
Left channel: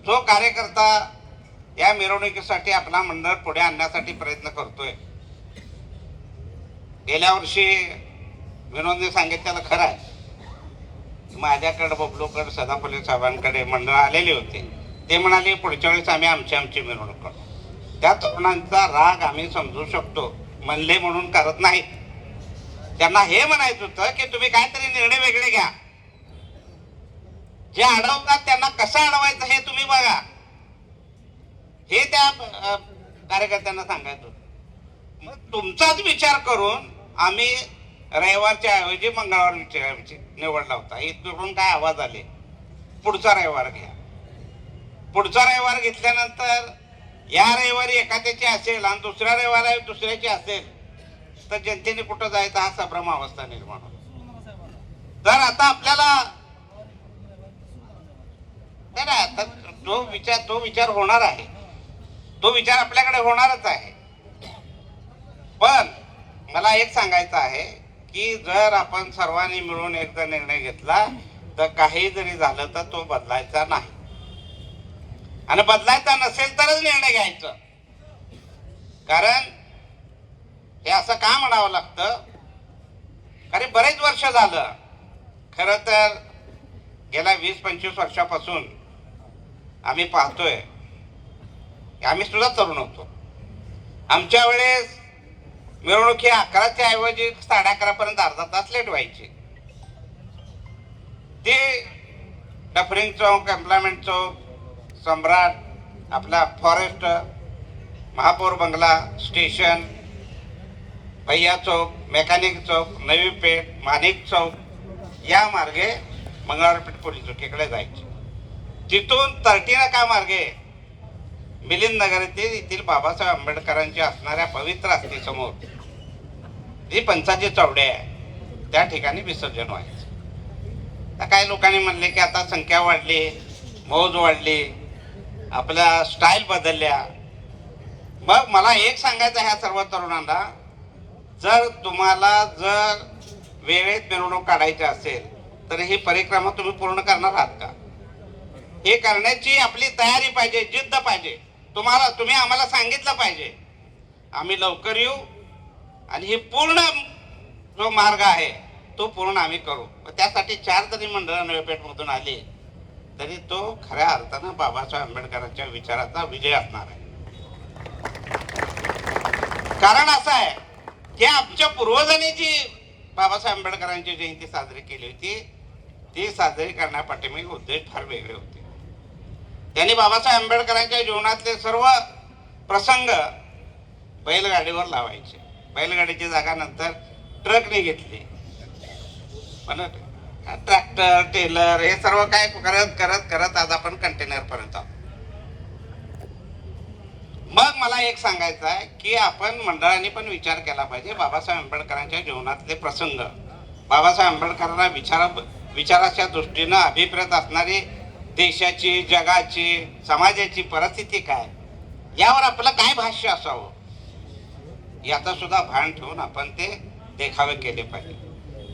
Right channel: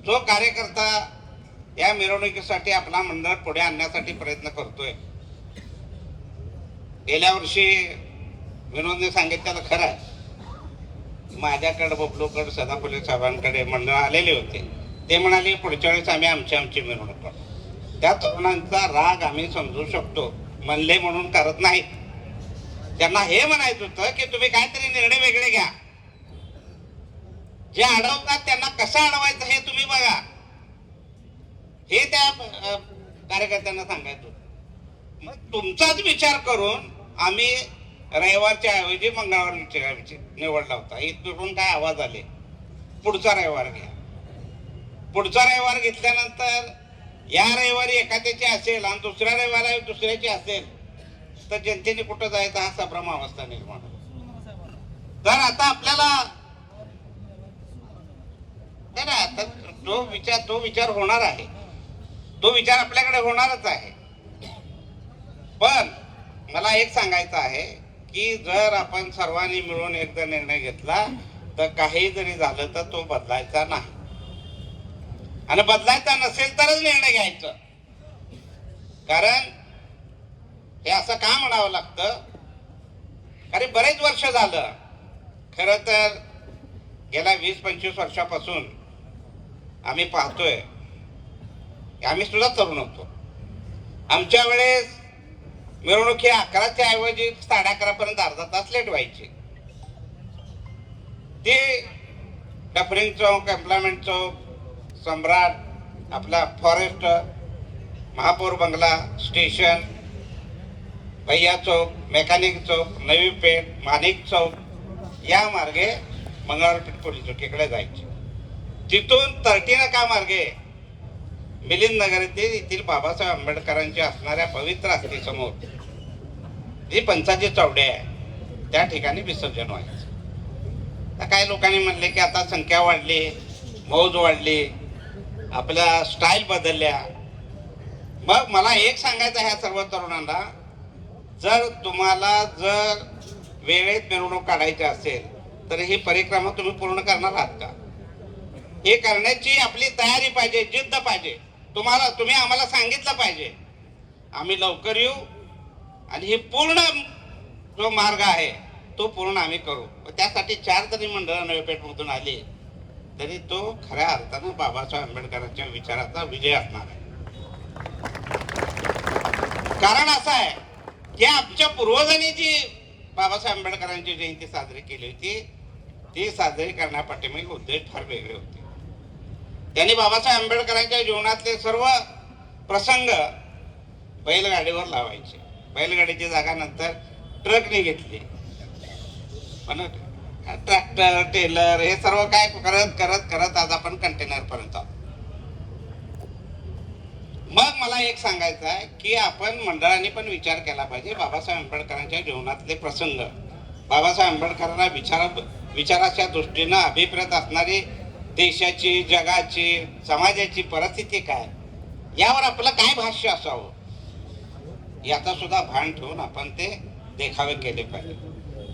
जो कार्यकर्ता या मिरवणुकीसाठी आपला मंडळ पुढे आणण्यासाठी प्रयत्न करतोय. गेल्या वर्षी विनोदने सांगितलेलं खरं आहे, माझ्याकडे, बबलूकडे, सदाफुले साहेबांकडे मंडळ आलेले होते. ते म्हणाले पुढच्या वेळेस आम्ही आमची मिरवणूक करतो. त्या तरुणांचा राग आम्ही समजू शकतो, म्हणले म्हणून करत नाहीत. त्यांना हे म्हणायचं होतं की तुम्ही काहीतरी निर्णय वेगळे घ्या, जे अडवतात त्यांना कसं अडवायचं हे तुम्ही बघा, हे त्या कार्यकर्त्यांना सांगायचं होतं. मग तुमचाच विचार करून आम्ही रविवारच्या ऐवजी मंगळवार निवडला होता. इथून काय आवाज आले, पुढचा रविवार घ्या. पुढचा रविवार घेतल्यानंतर या रविवारी एखाद्याची असेल आणि दुसऱ्या रविवारी दुसऱ्याची असेल तर जनतेने कुठं जायचं हा संभ्रम अवस्था निर्माण होतो. तर आता आपल्याला तो विचार होणार आहे, तो विचार आपल्याकडे होणारच आहे. पण मला एक सांगायचं आहे की जर आपण सर्वांनी मिळून एकदा निर्णय घेतला तर काही जरी झालं तर तो बदलायचा नाही, आणि बदलायचा नसेल तरच निर्णय घ्यायचं. कारण हे असं का म्हणावं लागतं, कारण बरेच वर्ष झालं, खरं तर गेल्या 20-25 वर्षापासून आम्ही पाहतोय, आम्ही सुद्धा तरुण होतो, आमच्या वेळेस मिरवणूक ही 11च्या ऐवजी 11:30 पर्यंत अर्धा तास लेट व्हायची. ते डफरिंग चौक, एम्प्लॉयमेंट चौक, सम्राट, आपला फॉरेस्ट, महापौर बंगला, स्टेशन, भैया चौक, मेकॅनिक चौक, नवी पेठ, माणिक चौक या मार्गे मंगळवारपेठ पोलीस चौकीकडे जायचे. तिथून 13 का मार्गे मिलिंद नगर येथील बाबासाहेब आंबेडकरांची असणाऱ्या पवित्र अस्थीसमोर जी पंचाची चौडे आहे त्या ठिकाणी विसर्जन व्हायचं. तर काही लोकांनी म्हणले की आता संख्या वाढली, मौज वाढली, आपल्या स्टाईल बदलल्या. मग मला एक सांगायचं ह्या सर्व तरुणांना, जर तुम्हाला वेळेत मिरवणूक काढायची असेल तर ही परिक्रमा तुम्ही पूर्ण करणार आहात का? हे करण्याची आपली तयारी पाहिजे, जिद्द पाहिजे. तुम्ही आम्हाला सांगितलं पाहिजे, आम्ही लवकर येऊ आणि हे पूर्ण जो मार्ग आहे तो पूर्ण आम्ही करू. त्यासाठी 4 जरी मंडळं नवी पेठमधून आली तरी तो खऱ्या अर्थानं बाबासाहेब आंबेडकरांच्या विचाराचा विजय असणार आहे. कारण असं आहे की आमच्या पूर्वजांनी जी बाबासाहेब आंबेडकरांची जयंती साजरी केली होती ती साजरी करण्यापाठीमागे उद्देश फार वेगळे होते. त्यांनी बाबासाहेब आंबेडकरांच्या जीवनातले सर्व प्रसंग बैलगाडीवर लावायचे. बैलगाडीची जागा नंतर ट्रकने घेतली, पण ट्रॅक्टर, टेलर हे सर्व काय करत करत करत आज आपण कंटेनर पर्यंत आलो. मग मला एक सांगायचं आहे की आपण मंडळाने पण विचार केला पाहिजे बाबासाहेब आंबेडकरांच्या जीवनातले प्रसंग, बाबासाहेब आंबेडकरांना विचाराच्या दृष्टीनं अभिप्रेत असणारी देशाची, जगाची, समाजाची परिस्थिती काय, यावर आपलं काय भाष्य असावं याचा सुद्धा भान ठेवून आपण ते देखावे केले पाहिजे.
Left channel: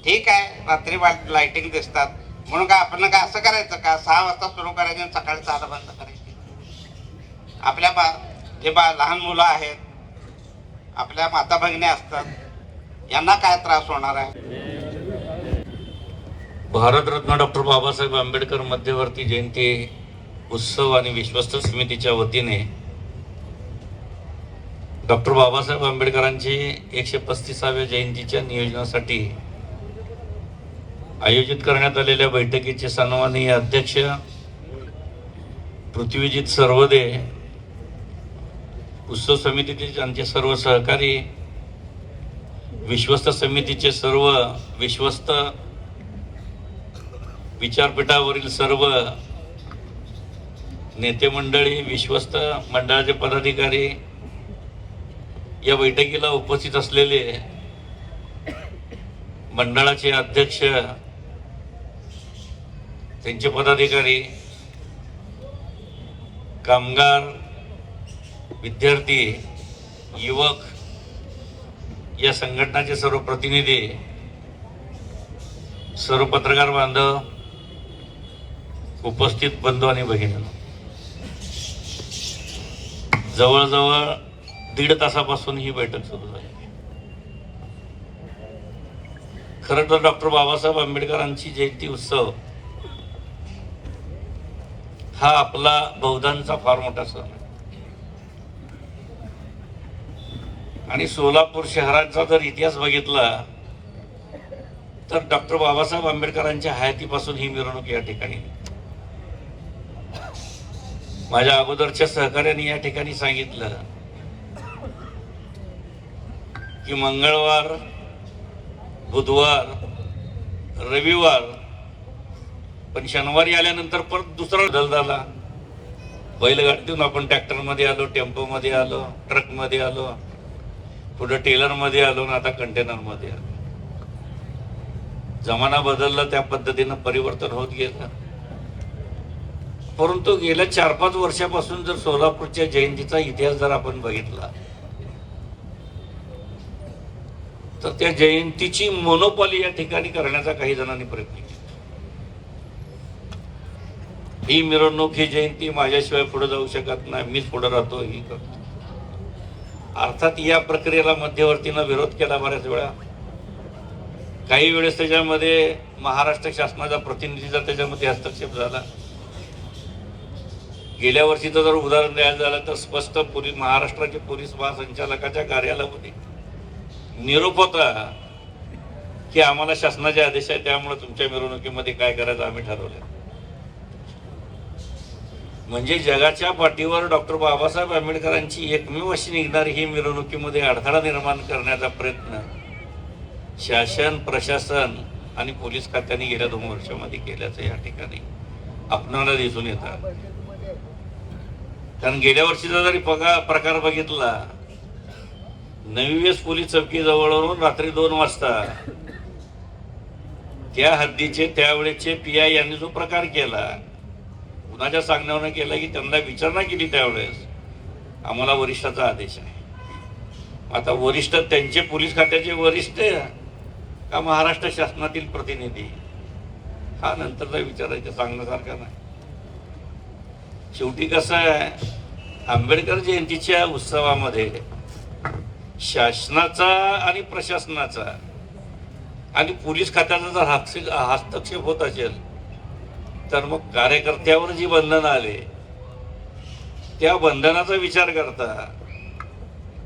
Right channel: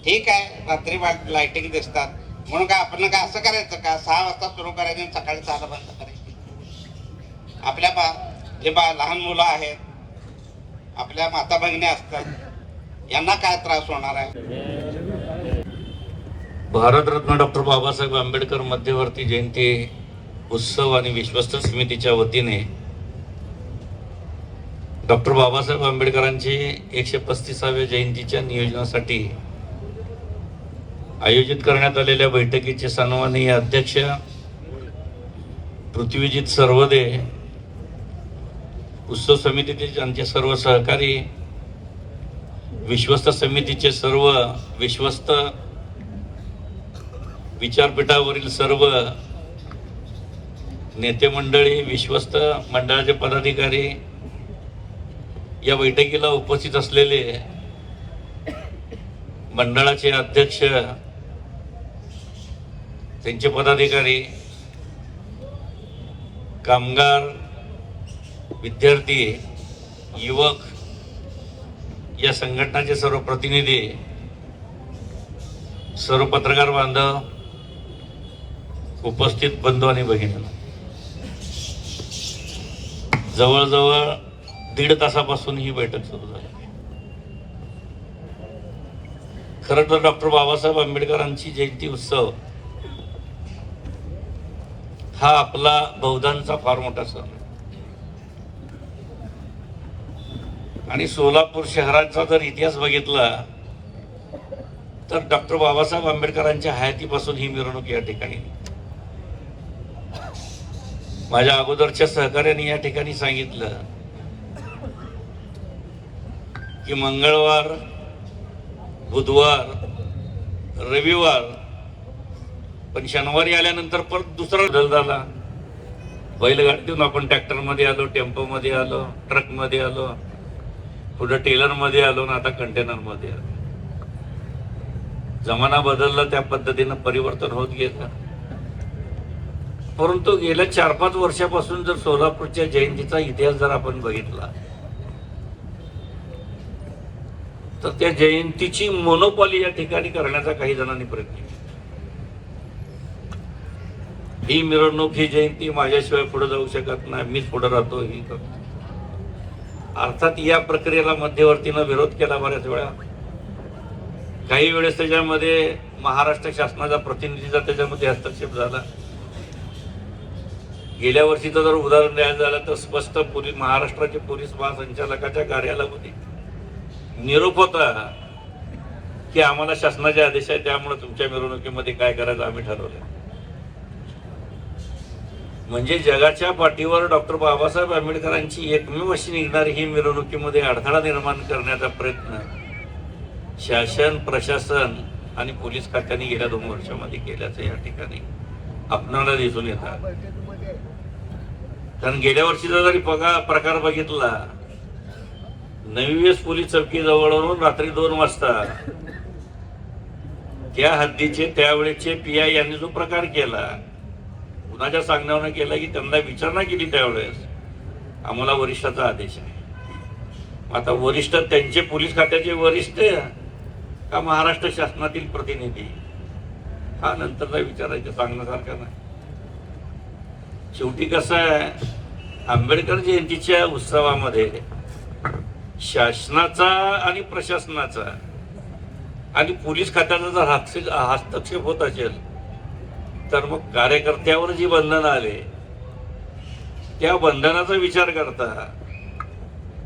ठीक आहे, रात्री लाइटिंग दिसतात म्हणून काय आपण काय असं करायचं का 6 वाजता सुरू करायचं आणि सकाळी 6ला बंद करायची? आपल्या लहान मुलं आहेत, आपल्या माता भगिनी असतात, यांना काय त्रास होणार आहे? भारतरत्न डॉक्टर बाबासाहेब आंबेडकर मध्यवर्ती जयंती उत्सव आणि विश्वस्त समितीच्या वतीने डॉक्टर बाबासाहेब आंबेडकरांची 135व्या जयंतीच्या नियोजनासाठी आयोजित करण्यात आलेल्या बैठकीचे सन्माननीय अध्यक्ष पृथ्वीजीत सर्वदे, उत्सव समितीचे आमचे सर्व सहकारी, विश्वस्त समितीचे सर्व विश्वस्त, विचारपीठावरील सर्व नेते मंडळी, विश्वस्त मंडळाचे पदाधिकारी, या बैठकीला उपस्थित असलेले मंडळाचे अध्यक्ष, त्यांचे पदाधिकारी, कामगार, विद्यार्थी, युवक, या संघटनाचे सर्व प्रतिनिधी, सर्व पत्रकार बांधव, उपस्थित बंधू आणि भगिनी, जवळजवळ 1.5 तासापासून ही बैठक सुरू झाली. खरं तर डॉक्टर बाबासाहेब आंबेडकरांची जयंती उत्सव हा आपला बौद्धांचा फार मोठा सण आहे. आणि सोलापूर शहराचा जर इतिहास बघितला तर डॉक्टर बाबासाहेब आंबेडकरांच्या हयातीपासून ही मिरवणूक या ठिकाणी. माझ्या अगोदरच्या सहकार्याने या ठिकाणी सांगितलं की मंगळवार, बुधवार, रविवार, पण शनिवारी आल्यानंतर परत दुसरा बदल झाला. बैलगाडीतून आपण ट्रॅक्टरमध्ये आलो, टेम्पोमध्ये आलो, ट्रकमध्ये आलो, पुढे टेलरमध्ये आलो ना आता कंटेनरमध्ये आलो. जमाना बदलला, त्या पद्धतीनं परिवर्तन होत गेलं. परंतु गेल्या 4-5 वर्षापासून जर सोलापूरच्या जयंतीचा इतिहास जर आपण बघितला तर त्या जयंतीची मोनोपॉली या ठिकाणी करण्याचा काही जणांनी प्रयत्न केला. ही मिरवणूक, ही जयंती माझ्याशिवाय पुढे जाऊ शकत नाही, मीच पुढे राहतो, ही करतो. अर्थात या प्रक्रियेला मध्यवर्तीनं विरोध केला बऱ्याच वेळा. काही वेळेस त्याच्यामध्ये महाराष्ट्र शासनाचा प्रतिनिधीचा त्याच्यामध्ये हस्तक्षेप झाला. गेल्या वर्षीचं जर उदाहरण द्यायचं झालं तर स्पष्ट महाराष्ट्राचे पोलीस महासंचालकाच्या कार्यालयामध्ये निरोप होता की आम्हाला शासनाचे आदेश आहे, त्यामुळे तुमच्या मिरवणुकीमध्ये काय करायचं आम्ही ठरवलं. म्हणजे जगाच्या पाठीवर डॉक्टर बाबासाहेब आंबेडकरांची एकमेव अशी निघणारी ही मिरवणुकीमध्ये अडथळा निर्माण करण्याचा प्रयत्न शासन, प्रशासन आणि पोलीस खात्याने गेल्या 2 वर्षामध्ये केल्याचं या ठिकाणी आपणाला दिसून येतात. कारण गेल्या वर्षीचा जरी प्रकार बघितला, नवी वेस पोलीस चौकी जवळून रात्री 2 वाजता त्या हद्दीचे त्यावेळेचे PI यांनी जो प्रकार केला, कुणाच्या सांगण्यावरून केला की त्यांना विचारणा केली त्यावेळेस आम्हाला वरिष्ठाचा आदेश आहे. आता वरिष्ठ त्यांचे पोलीस खात्याचे वरिष्ठ का महाराष्ट्र शासनातील प्रतिनिधी, हा नंतरचा विचारायचं सांगण्यासारखा नाही. शेवटी कसं आहे, आंबेडकर जयंतीच्या उत्सवामध्ये शासनाचा आणि प्रशासनाचा आणि पोलीस खात्याचा जर हस्तक्षेप होत असेल तर मग कार्यकर्त्यावर जी बंधनं आले त्या बंधनाचा विचार करता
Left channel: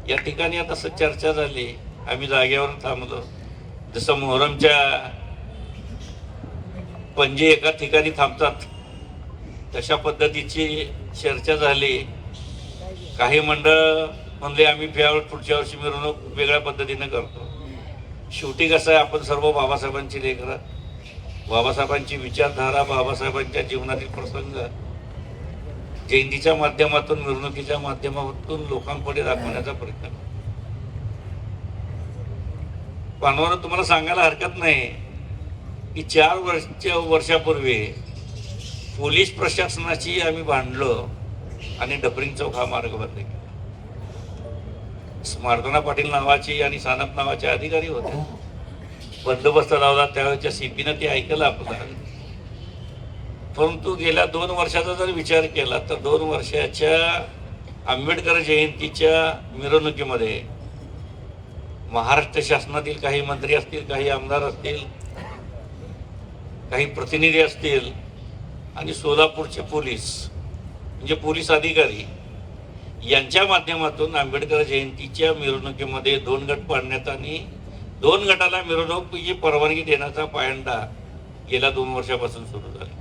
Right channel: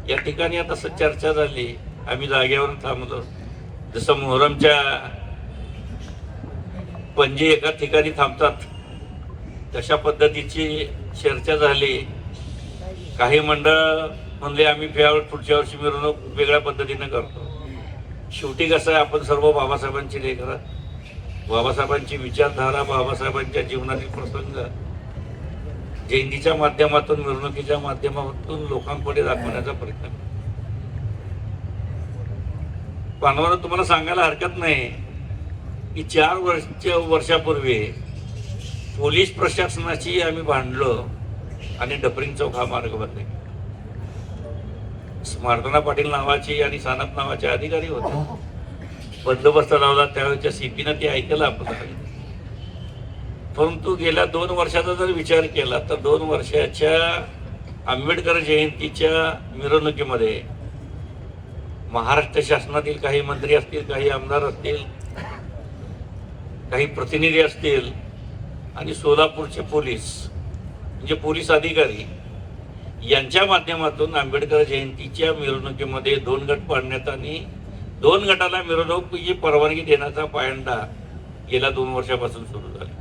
या ठिकाणी आता चर्चा झाली. आम्ही जागेवर थांबलो. जसं मोहरमच्या पंजे एका ठिकाणी थांबतात तशा पद्धतीची चर्चा झाली. काही मंडळ म्हणले आम्ही पुढच्या वर्षी मिरवणूक वेगळ्या पद्धतीने करतो. शेवटी कसं आहे, आपण सर्व बाबासाहेबांची लेकरं, बाबासाहेबांची विचारधारा, बाबासाहेबांच्या जीवनातील प्रसंग जयंतीच्या माध्यमातून, मिरवणुकीच्या माध्यमातून लोकांपुढे दाखवण्याचा प्रयत्न करतो. पानवाला तुम्हाला सांगायला हरकत नाही की 4 वर्षापूर्वी पोलीस प्रशासनाची आम्ही भांडलो आणि डफरिंग चौक हा मार्ग बंद केला. स्मार्तना पाटील नावाची आणि सानप नावाचे अधिकारी होते, बंदोबस्त लावला त्यावेळेच्या CP-नं ते ऐकलं आपलं. परंतु गेल्या 2 वर्षाचा जर विचार केला तर 2 वर्षाच्या आंबेडकर जयंतीच्या मिरवणुकीमध्ये महाराष्ट्र शासनातील काही मंत्री असतील, काही आमदार असतील, काही प्रतिनिधी असतील आणि सोलापूरचे पोलीस म्हणजे पोलीस अधिकारी यांच्या माध्यमातून आंबेडकर जयंतीच्या मिरवणुकीमध्ये 2 गट पाडण्यात आणि 2 गटाला मिरवणुकीची परवानगी देण्याचा पायंडा गेल्या 2 वर्षापासून सुरू झाला.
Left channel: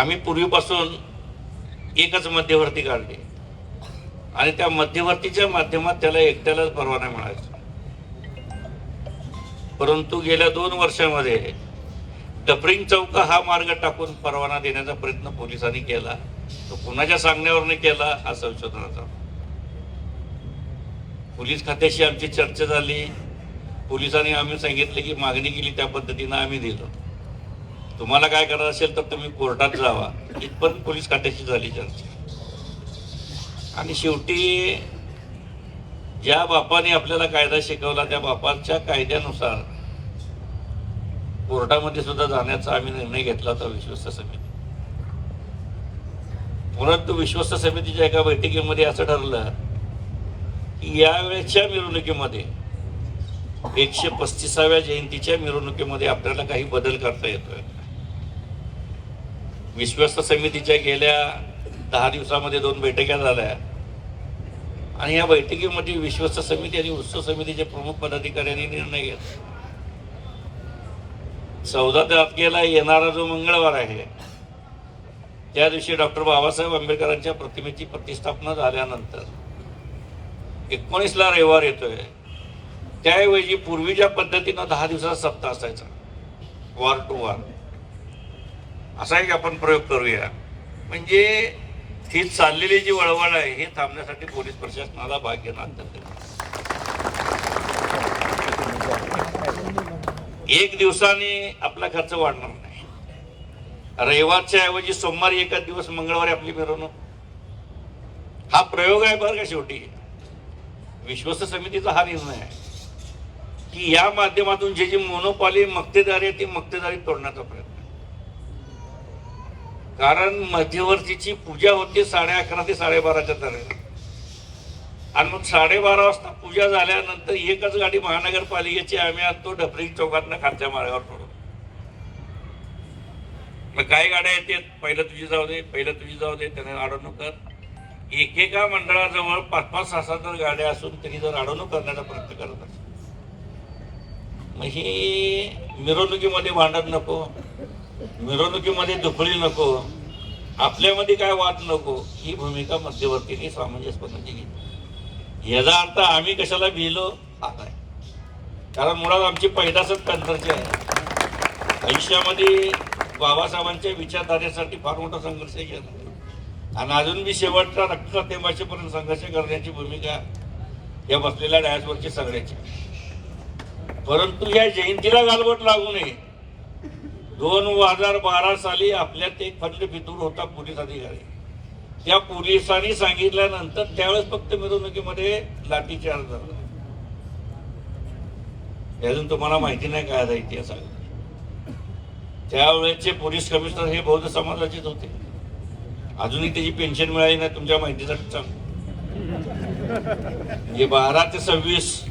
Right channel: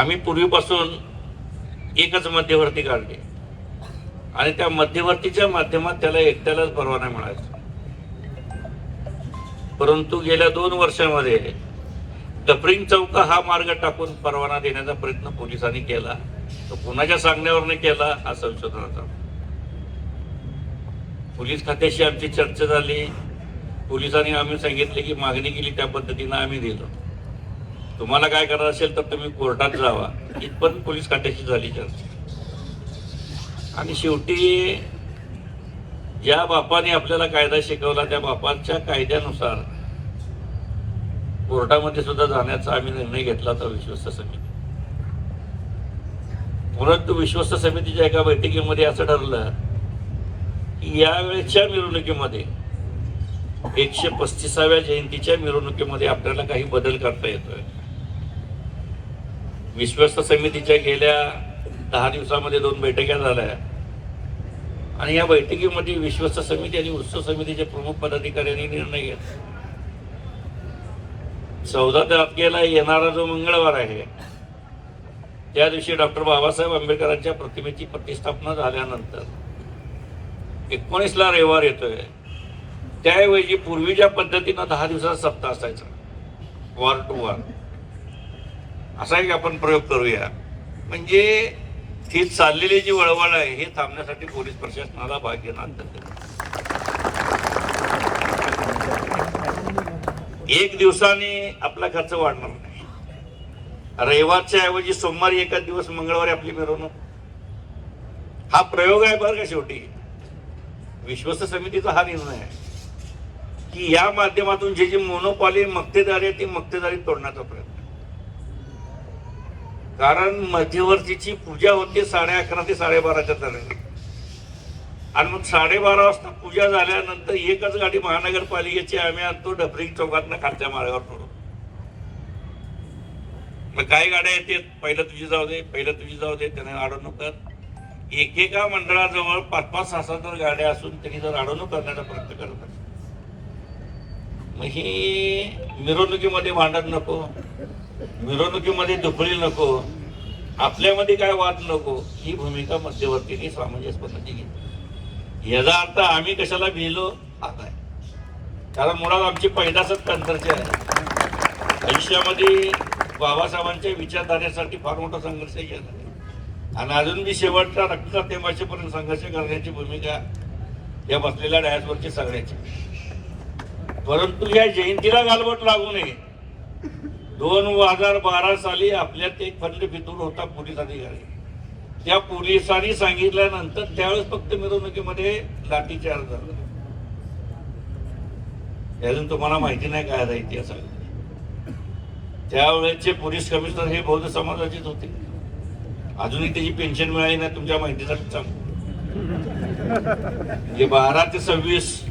आम्ही पूर्वीपासून एकच मध्यवर्ती काढले आणि त्या मध्यवर्तीच्या माध्यमात त्याला एकट्यालाच परवाना मिळायचा. परंतु गेल्या 2 वर्षामध्ये डफरिंग चौक हा मार्ग टाकून परवाना देण्याचा प्रयत्न पोलिसांनी केला. तो कुणाच्या सांगण्यावरनं केला हा संशोधनाचा. पोलीस खात्याशी आमची चर्चा झाली. पोलिसांनी आम्ही सांगितलं की मागणी केली त्या पद्धतीनं आम्ही दिलं. तुम्हाला काय करायचं असेल तर तुम्ही कोर्टात जावा, इथपर्यंत पोलीस खात्याशी झाली चर्चा. आणि शेवटी ज्या बापाने आपल्याला कायदा शिकवला त्या बापाच्या कायद्यानुसार कोर्टामध्ये सुद्धा जाण्याचा आम्ही निर्णय घेतला होता विश्वस्त समिती. परंतु विश्वस्त समितीच्या एका बैठकीमध्ये असं ठरलं की यावेळेच्या मिरवणुकीमध्ये 135व्या जयंतीच्या मिरवणुकीमध्ये आपल्याला काही बदल करता येतोय. विश्वस्त समितीच्या गेल्या 10 दिवसामध्ये 2 बैठका झाल्या आणि या बैठकीमध्ये विश्वस्त समिती आणि उत्सव समितीचे प्रमुख पदाधिकाऱ्यांनी निर्णय घेतला. 14 तारखेला येणारा जो मंगळवार आहे त्या दिवशी डॉक्टर बाबासाहेब आंबेडकरांच्या प्रतिमेची प्रतिष्ठापना झाल्यानंतर 19ला रविवार येतोय. त्याऐवजी पूर्वी ज्या पद्धतीनं 10 दिवसाचा सप्ताह असायचा वार टू वार, असा एक आपण प्रयोग करूया. म्हणजे ही चाललेली जी वळवळ आहे हे थांबण्यासाठी पोलीस प्रशासनाला भाग घेणं अत्यंत. 1 दिवसाने आपला खर्च वाढणार नाही. रविवारच्या ऐवजी सोमवारी एकाच दिवस मंगळवारी आपली मिरवणूक, हा प्रयोग आहे बरं का. शेवटी विश्वस्त समितीचा हा निर्णय आहे की या माध्यमातून जी मोनोपॉली मक्तेदारी आहे ती मक्तेदारी तोडण्याचा प्रयत्न. कारण मध्यवर्तीची पूजा होते 11:30 ते 12:30च्या दरम्यान आणि मग 12:30 वाजता पूजा झाल्यानंतर एकच गाडी महानगरपालिकेची आम्ही आणतो डफरिंग चौकातनं खालच्या मार्गावर सोडतो. काही गाड्या येतात, पहिलं तुझी जाऊ दे, पहिलं तुझी जाऊ दे, त्याने अडवणूक कर. एकेका मंडळाजवळ 5-5, 6-6 गाड्या असून तरी जर अडवणूक करण्याचा प्रयत्न करत असतात. मग ही मिरवणुकीमध्ये भांडण नको, मिरवणुकीमध्ये दुखळी नको, आपल्यामध्ये काय वाद नको, ही भूमिका मध्यवर्तीने सामंजस्यपणे घेतली. याचा अर्थ आम्ही कशाला भिलो आता, कारण मुळात आमची पैदासच तंत्रची आहे. आयुष्यामध्ये बाबासाहेबांच्या विचारधारेसाठी फार मोठा संघर्ष केला आणि अजून मी शेवटच्या रक्ताच्या थेंबापर्यंत संघर्ष करण्याची भूमिका या बसलेल्या डायसवरची सगळ्याची. परंतु या जयंतीला गालबोट लागू नये. 2012 साली आपल्यात एक फंड फितूर होता पोलीस अधिकारी. त्या पोलिसांनी सांगितल्यानंतर त्यावेळेस फक्त मिरवणुकीमध्ये लाठीचार्ज झाला. अजून तुम्हाला माहिती नाही काय आहे इतिहास. त्यावेळेचे पोलीस कमिशनर हे बौद्ध समाजाचेच होते. अजूनही त्याची पेन्शन मिळाली नाही, तुमच्या माहितीसाठी सांगतो. म्हणजे 12 ते 26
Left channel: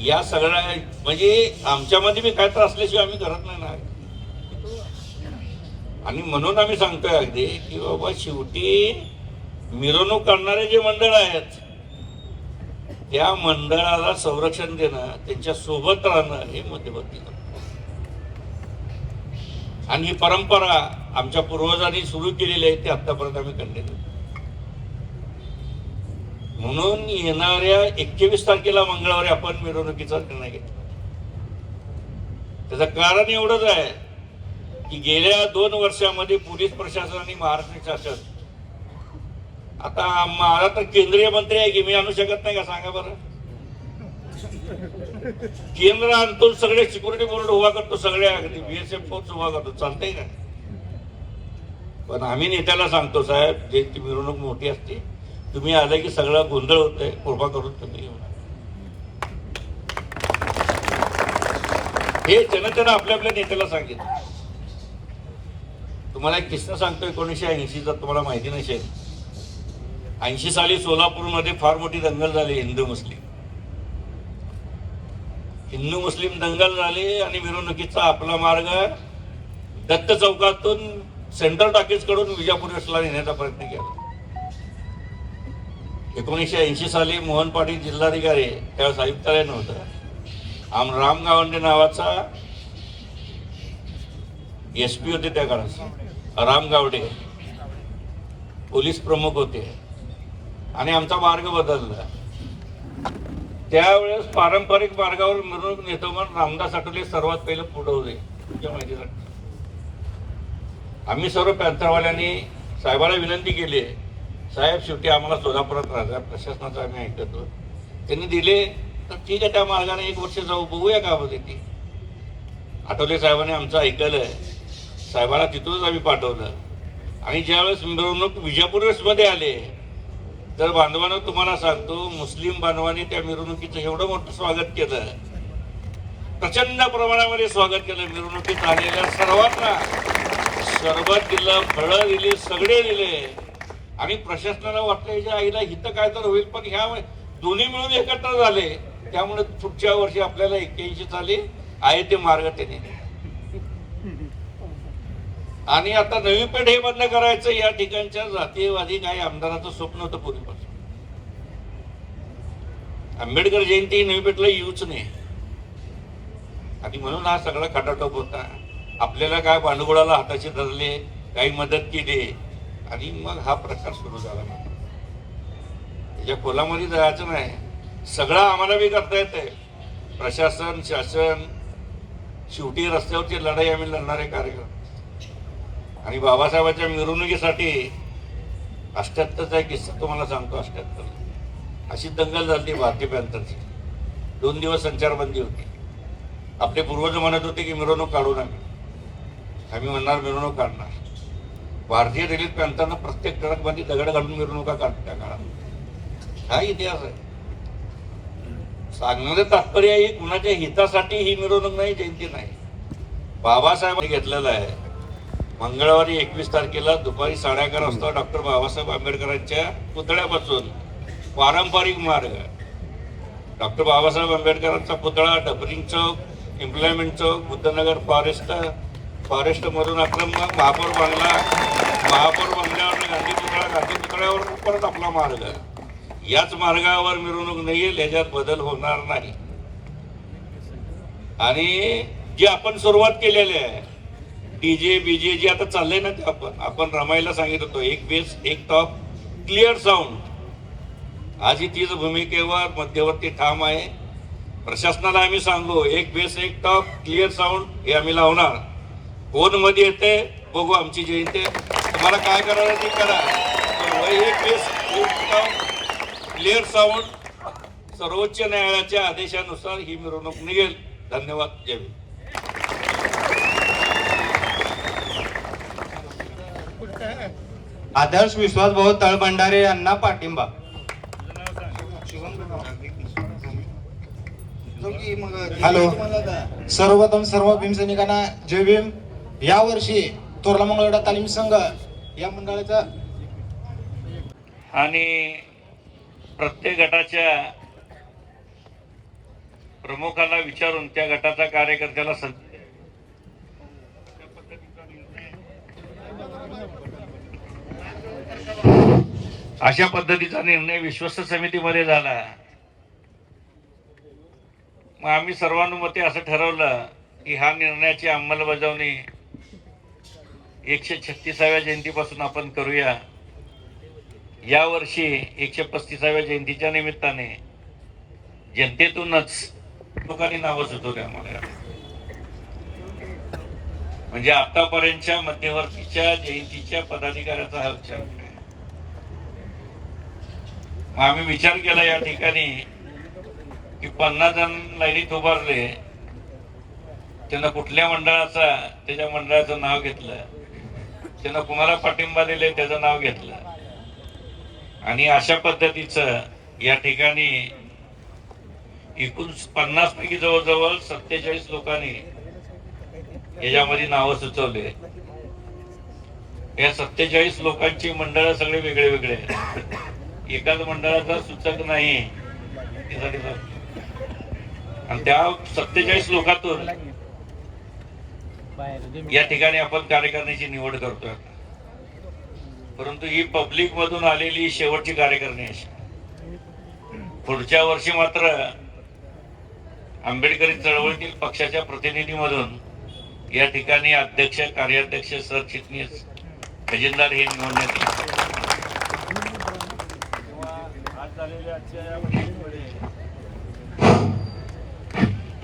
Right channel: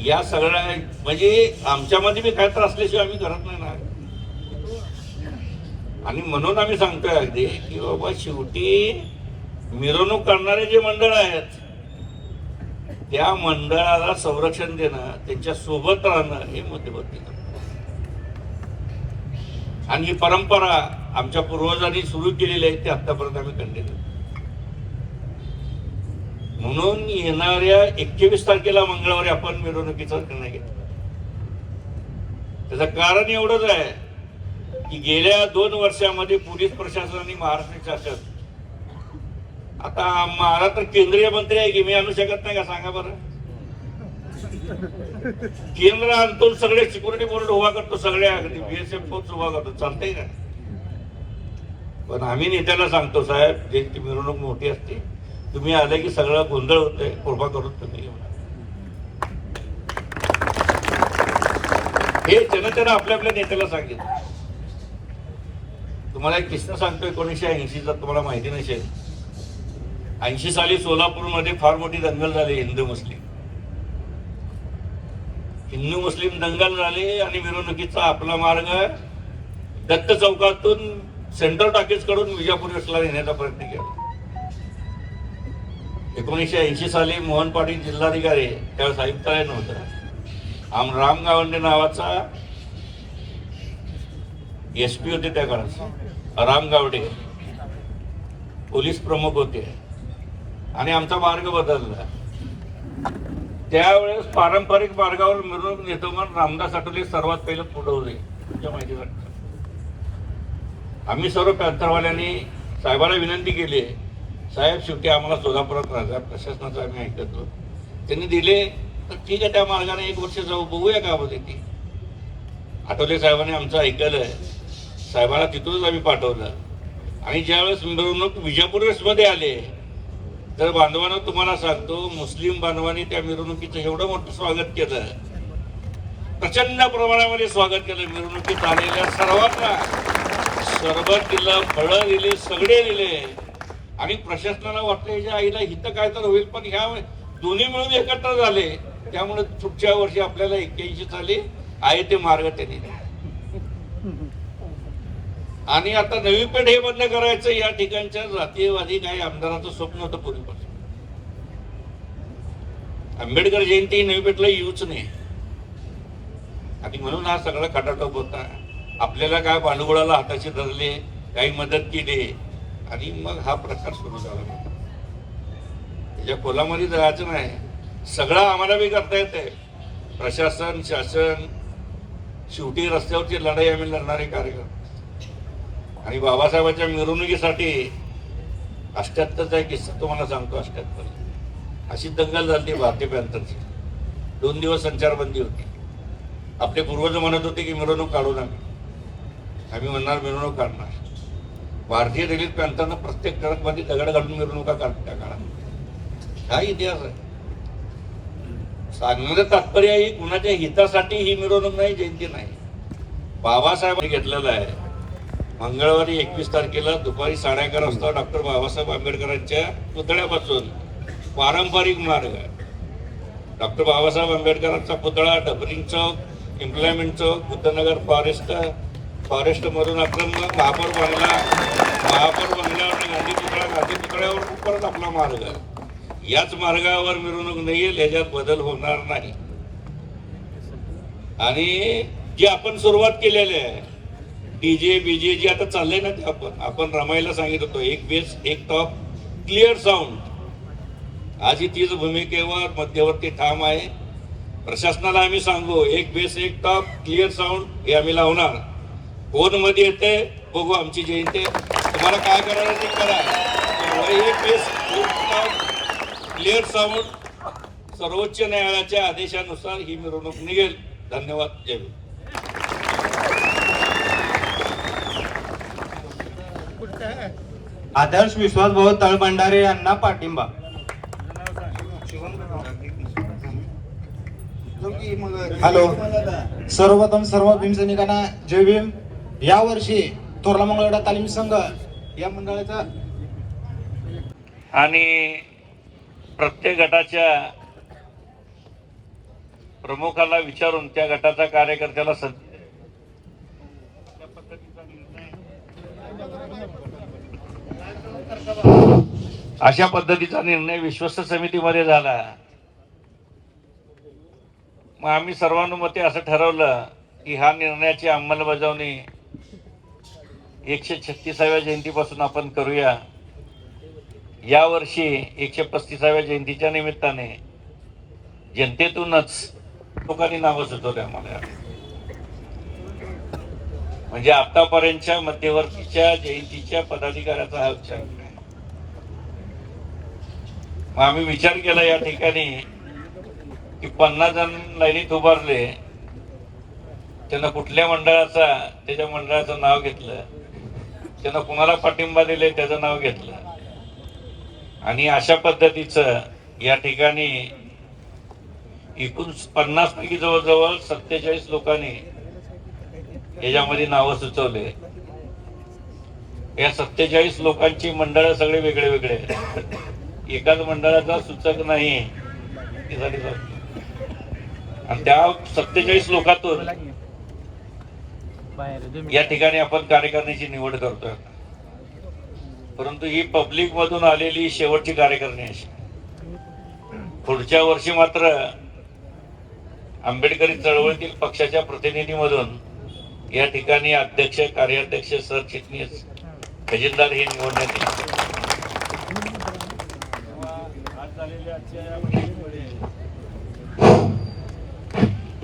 या सगळ्या म्हणजे आमच्यामध्ये बी काय तर असल्याशिवाय आम्ही करत नाही ना. आणि म्हणून आम्ही सांगतोय अगदी की बाबा शेवटी मिरवणूक करणारे जे मंडळ आहेत त्या मंडळाला संरक्षण देणं, त्यांच्या सोबत राहणं हे मध्यवर्ती. आणि ही परंपरा आमच्या पूर्वजांनी सुरू केलेली आहे, ती आतापर्यंत आम्ही कंटिन्यू. म्हणून येणाऱ्या 21 तारखेला मंगळवारी आपण मिरवणुकीचा निर्णय घेतला. त्याचं कारण एवढंच आहे की गेल्या 2 वर्षामध्ये पोलीस प्रशासन आणि महाराष्ट्र शासन, आता मला तर केंद्रीय मंत्री आहे की मी आणू शकत नाही का सांगा बरं. केंद्र आणतो, सगळे सिक्युरिटी बोर्ड उभा करतो, सगळे BSF फोर्स उभा करतो, चालतंय का. पण आम्ही नेत्याला सांगतो साहेब, ज्यांची मिरवणूक मोठी असते तुम्ही आले की सगळं गोंधळ होतंय, कृपा करून तुम्ही हे जनतेनं आपल्या आपल्या नेत्याला सांगितलं. तुम्हाला एक किस्सा सांगतो. 1980चा तुम्हाला माहिती नसेल. 80 साली सोलापूरमध्ये फार मोठी दंगल झाली. हिंदू मुस्लिम दंगल झाले आणि मिरवणुकीचा आपला मार्ग दत्त चौकातून सेंट्रल टॉकीज कडून विजापूर वेस्टला नेण्याचा प्रयत्न केला. 1980 साली मोहन पाटील जिल्हाधिकारी, त्यावेळेस आयुक्तालय नव्हतं, राम गावंडे नावाचा SP होते त्या काळात, राम गावडे पोलीस प्रमुख होते आणि आमचा मार्ग बदलला. त्यावेळेस पारंपरिक मार्गावर मिरवणूक नेतो म्हणून रामदास आठवले सर्वात पहिलं पुढे होते. तुमच्या माहितीसाठी आम्ही सर्व पॅंथरवाल्यांनी साहेबाला विनंती केली, साहेब शेवटी आम्हाला सोलापुरात राहतात, प्रशासनाचं आम्ही ऐकतो. त्यांनी दिले तर ठीक आहे, त्या मार्गाने 1 वर्ष जाऊ, बघूया का होते ती. आठवले साहेबांनी आमचं ऐकलं, साहेबांना तिथूनच आम्ही पाठवलं. आणि ज्यावेळेस मिरवणूक विजापूर वेस्टमध्ये आले तर बांधवांना तुम्हाला सांगतो, मुस्लिम बांधवांनी त्या मिरवणुकीचं एवढं मोठं स्वागत केलं, प्रचंड प्रमाणामध्ये स्वागत केलं. मिरवणुकीत आलेल्या सर्वांना सरबत दिलं, फळं दिली, सगळे दिले. आणि प्रशासनाला वाटलं याच्या आईला हित काय तर होईल, पण ह्या दोन्ही मिळून एकत्र झाले. त्यामुळे पुढच्या वर्षी आपल्याला 81 साली आहे ते मार्ग ते दिले. आणि आता नवी पेठ हे बंद करायचं या ठिकाणच्या जातीयवादी काही आमदाराचं स्वप्न होतं पूर्वीपासून. आंबेडकर जयंती नवी पेठला येऊच नाही आणि म्हणून हा सगळा खटाटोप होता. आपल्याला काय भांडवलाला हाताशी धरले, काही मदत केली आणि मग हा प्रकार सुरू झाला. त्याच्या खोलामध्ये जायचं नाही, सगळं आम्हाला बी करता येतंय. प्रशासन, शासन, शेवटी रस्त्यावरची लढाई आम्ही लढणारे कार्यक्रम. आणि बाबासाहेबांच्या मिरवणुकीसाठी 78चा एक किस्सा तुम्हाला सांगतो. 78 अशी दंगल झाली भारतीय पॅंथरची. 2 दिवस संचारबंदी होती. आपले पूर्वज म्हणत होते की मिरवणूक काढू नये, आम्ही म्हणणार मिरवणूक काढणार. भारतीय दलित पॅंथरनं प्रत्येक ट्रकमध्ये दगड घालून मिरवणुका काढतात त्या काळात. हा इतिहास आहे. सांगण्याचं तात्पर्य आहे कुणाच्या हितासाठी ही मिरवणूक नाही, जयंती नाही. बाबासाहेबांनी घेतलेला आहे. मंगळवारी 21 तारखेला दुपारी 11:30 वाजता डॉक्टर बाबासाहेब आंबेडकरांच्या पुतळ्यापासून पारंपरिक मार्ग, डॉक्टर बाबासाहेब आंबेडकरांचा पुतळा, डबलिंग चौक, एम्प्लॉयमेंट चौक, बुद्धनगर, फॉरेस्ट मधून आपण महापौर बंगल्यावर गांधी पुतळा गांधी पुतळ्यावर परत आपला मार्ग, याच मार्गावर मिरवणूक नाही येईल, याच्यात बदल होणार नाही. आणि जी आपण सुरुवात केलेली आहे डीजे बीजे जे आता चाललंय ना, ते आपण रमायला सांगित होतो, एक बेस एक टॉप क्लिअर साऊंड. आज ही तीच भूमिकेवर मध्यवर्ती ठाम आहे. प्रशासनाला आम्ही सांगू, एक बेस एक टॉप क्लिअर साऊंड हे आम्ही लावणार. कोण मध्ये येते बघू, आमची जयंती, तुम्हाला काय करायचं ते करा. एक बेस एक टॉप क्लिअर साऊंड, सर्वोच्च न्यायालयाच्या आदेशानुसार ही मिरवणूक निघेल. धन्यवाद. जय हिंद. आदर्श विश्वासभाऊ तळभंडारे यांना पाठिंबा. हॅलो, सर्वप्रथम सर्व भीमसैनिकांना जय भीम. यावर्षी तोरला मंगळवेढा तालीम संघ या मंडळाचा आणि प्रत्येक गटाच्या प्रमुखाला विचारून त्या गटाच्या कार्यकर्त्याला अशा पद्धतीचा निर्णय विश्वस्त समितीमध्ये झाला. मग आम्ही सर्वानुमते असं ठरवलं की ह्या निर्णयाची अंमलबजावणी 136व्या जयंतीपासून आपण करूया. यावर्षी 135व्या जयंतीच्या निमित्ताने जनतेतूनच लोकांनी नावं सुचवले आम्हाला. म्हणजे आतापर्यंतच्या मध्यवर्तीच्या जयंतीच्या पदाधिकाऱ्याचा हा विचार आहे. आम्ही विचार केला या ठिकाणी की 50 जण लाईनीत उभारले, त्यांना कुठल्या मंडळाचा त्याच्या मंडळाचं नाव घेतलं, त्यांना कुणाला पाठिंबा दिले त्याचं नाव घेतलं, आणि अशा पद्धतीचं या ठिकाणी एकूण 50 पैकी जवळजवळ 47 लोकांनी याच्यामध्ये नावं सुचवले. या 47 लोकांची मंडळ सगळे वेगळे वेगळे, एकाच मंडळाचा सूचक नाही. आणि त्या 47 लोकांतून या ठिकाणी आपण कार्यकारिणीची निवड करतोय. परंतु ही पब्लिक मधून आलेली शेवटची कार्यकारिणी अशी. पुढच्या वर्षी मात्र आंबेडकरी चळवळीतील पक्षाच्या प्रतिनिधीमधून या ठिकाणी अध्यक्ष, कार्याध्यक्ष, सरचिटणीस, खजिनदार ही निवडण्यात येईल. आज झालेल्या आजच्या या बैठकीमध्ये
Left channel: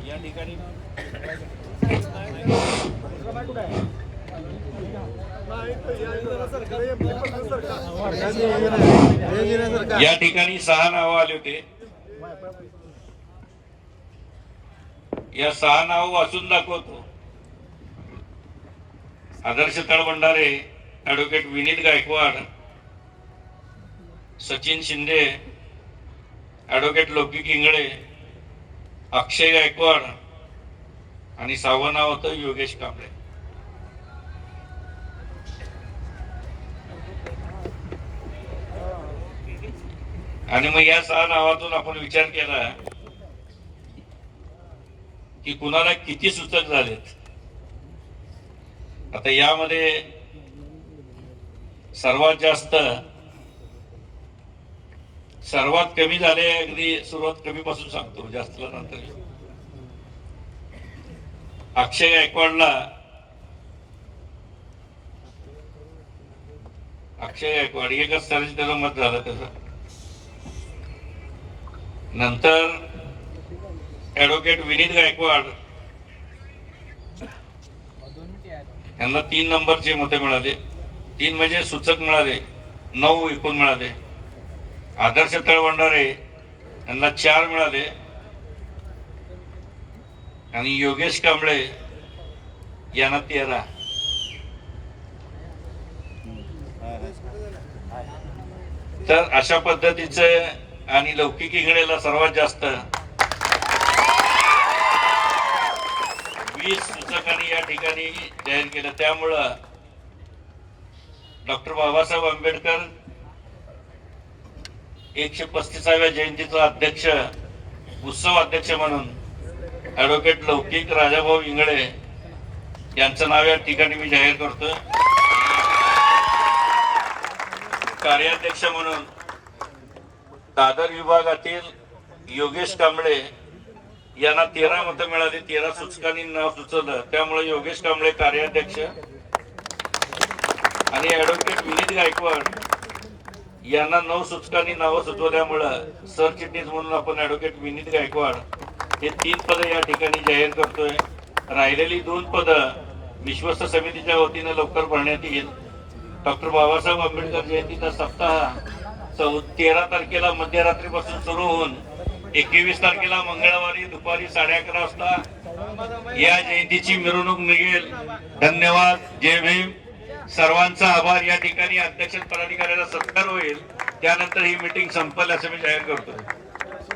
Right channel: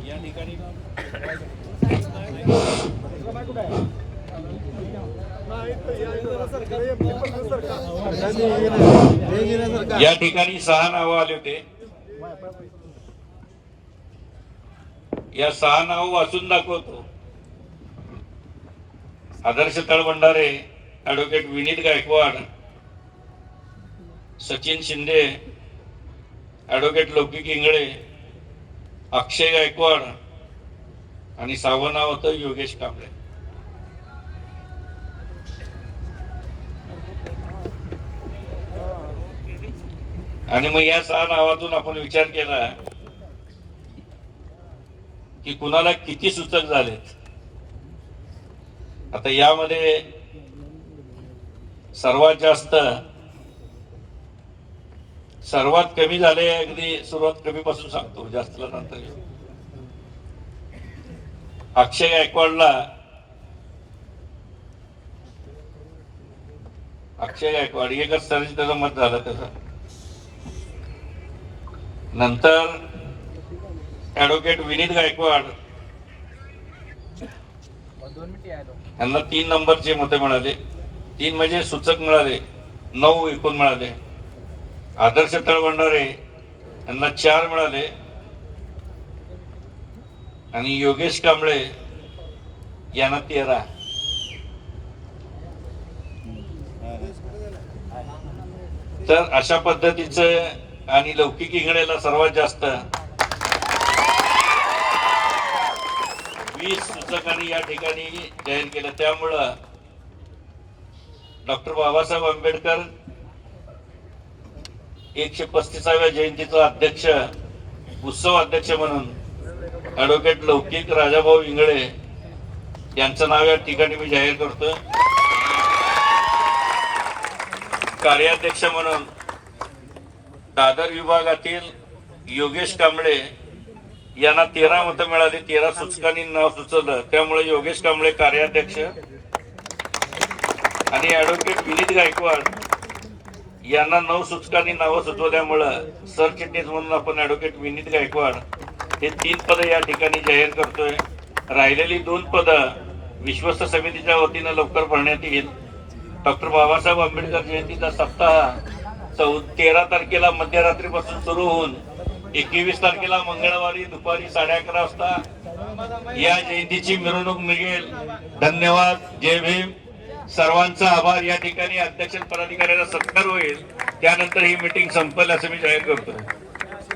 या ठिकाणी या ठिकाणी 6 नावं आले होते. या 6 नावं वाचून दाखवतो. आदर्श तळभंडारे, ऍडव्होकेट विनीत गायकवाड, सचिन शिंदे, ऍडव्होकेट लौकिक इंगळे, अक्षय गायकवाड, आणि 6वं नाव होतं योगेश कांबळे. आणि मग या 6 नावातून आपण विचार केला की कुणाला किती सूचक झालेत. आता यामध्ये सर्वात जास्त, सर्वात कमी झाले, अगदी सुरुवात कमी पासून सांगतो, जास्त नंतर. अक्षय गायकवाडला, अक्षय गायकवाड एकच साली त्याचं मत झालं त्याचं. नंतर ऍडव्होकेट विनीत गायकवाड यांना 3 नंबरचे मते मिळाले. 3 म्हणजे सूचक मिळाले, 9 एकूण मिळाले. आदर्श तळभंडारे यांना 4 मिळाले, आणि योगेश कांबळे यांना 13. तर अशा पद्धतीचं, आणि लौकिक इंगळेला सर्वात जास्त 20 सूचकांनी या ठिकाणी जाहीर केलं. त्यामुळं डॉक्टर बाबासाहेब आंबेडकर 135व्या जयंतीचा अध्यक्ष, उत्सव अध्यक्ष म्हणून ऍडव्होकेट लौकिक राजाभाऊ इंगळे यांचं नाव या ठिकाणी मी जाहीर करतो. कार्याध्यक्ष म्हणून दादर विभागातील योगेश कांबळे यांना 13 मतं मिळाली. 13 सूचकांनी नाव सुचवलं, त्यामुळे योगेश कांबळे कार्याध्यक्ष आणि ऍडव्होकेट विनीत गायकवाड यांना 9 सूचकांनी नावं सुचवल्यामुळं सरचिटणीस म्हणून आपण ऍडव्होकेट विनीत गायकवाड हे 3 पदं या ठिकाणी जाहीर करतोय. राहिलेली 2 पदं विश्वस्त समितीच्या वतीनं लवकर भरण्यात येईल. डॉक्टर बाबासाहेब आंबेडकर जयंतीचा सप्ताह 13 तारखेला मध्यरात्रीपासून सुरू होऊन 21 तारखेला मंगळवारी दुपारी 11:30 वाजता या जयंतीची मिरवणूक निघेल. धन्यवाद. जय भीम. सर्वांचा आभार. या ठिकाणी अध्यक्ष पदाधिकाऱ्याचा सत्कार होईल, त्यानंतर ही मीटिंग संपेल असं मी जाहीर करतो.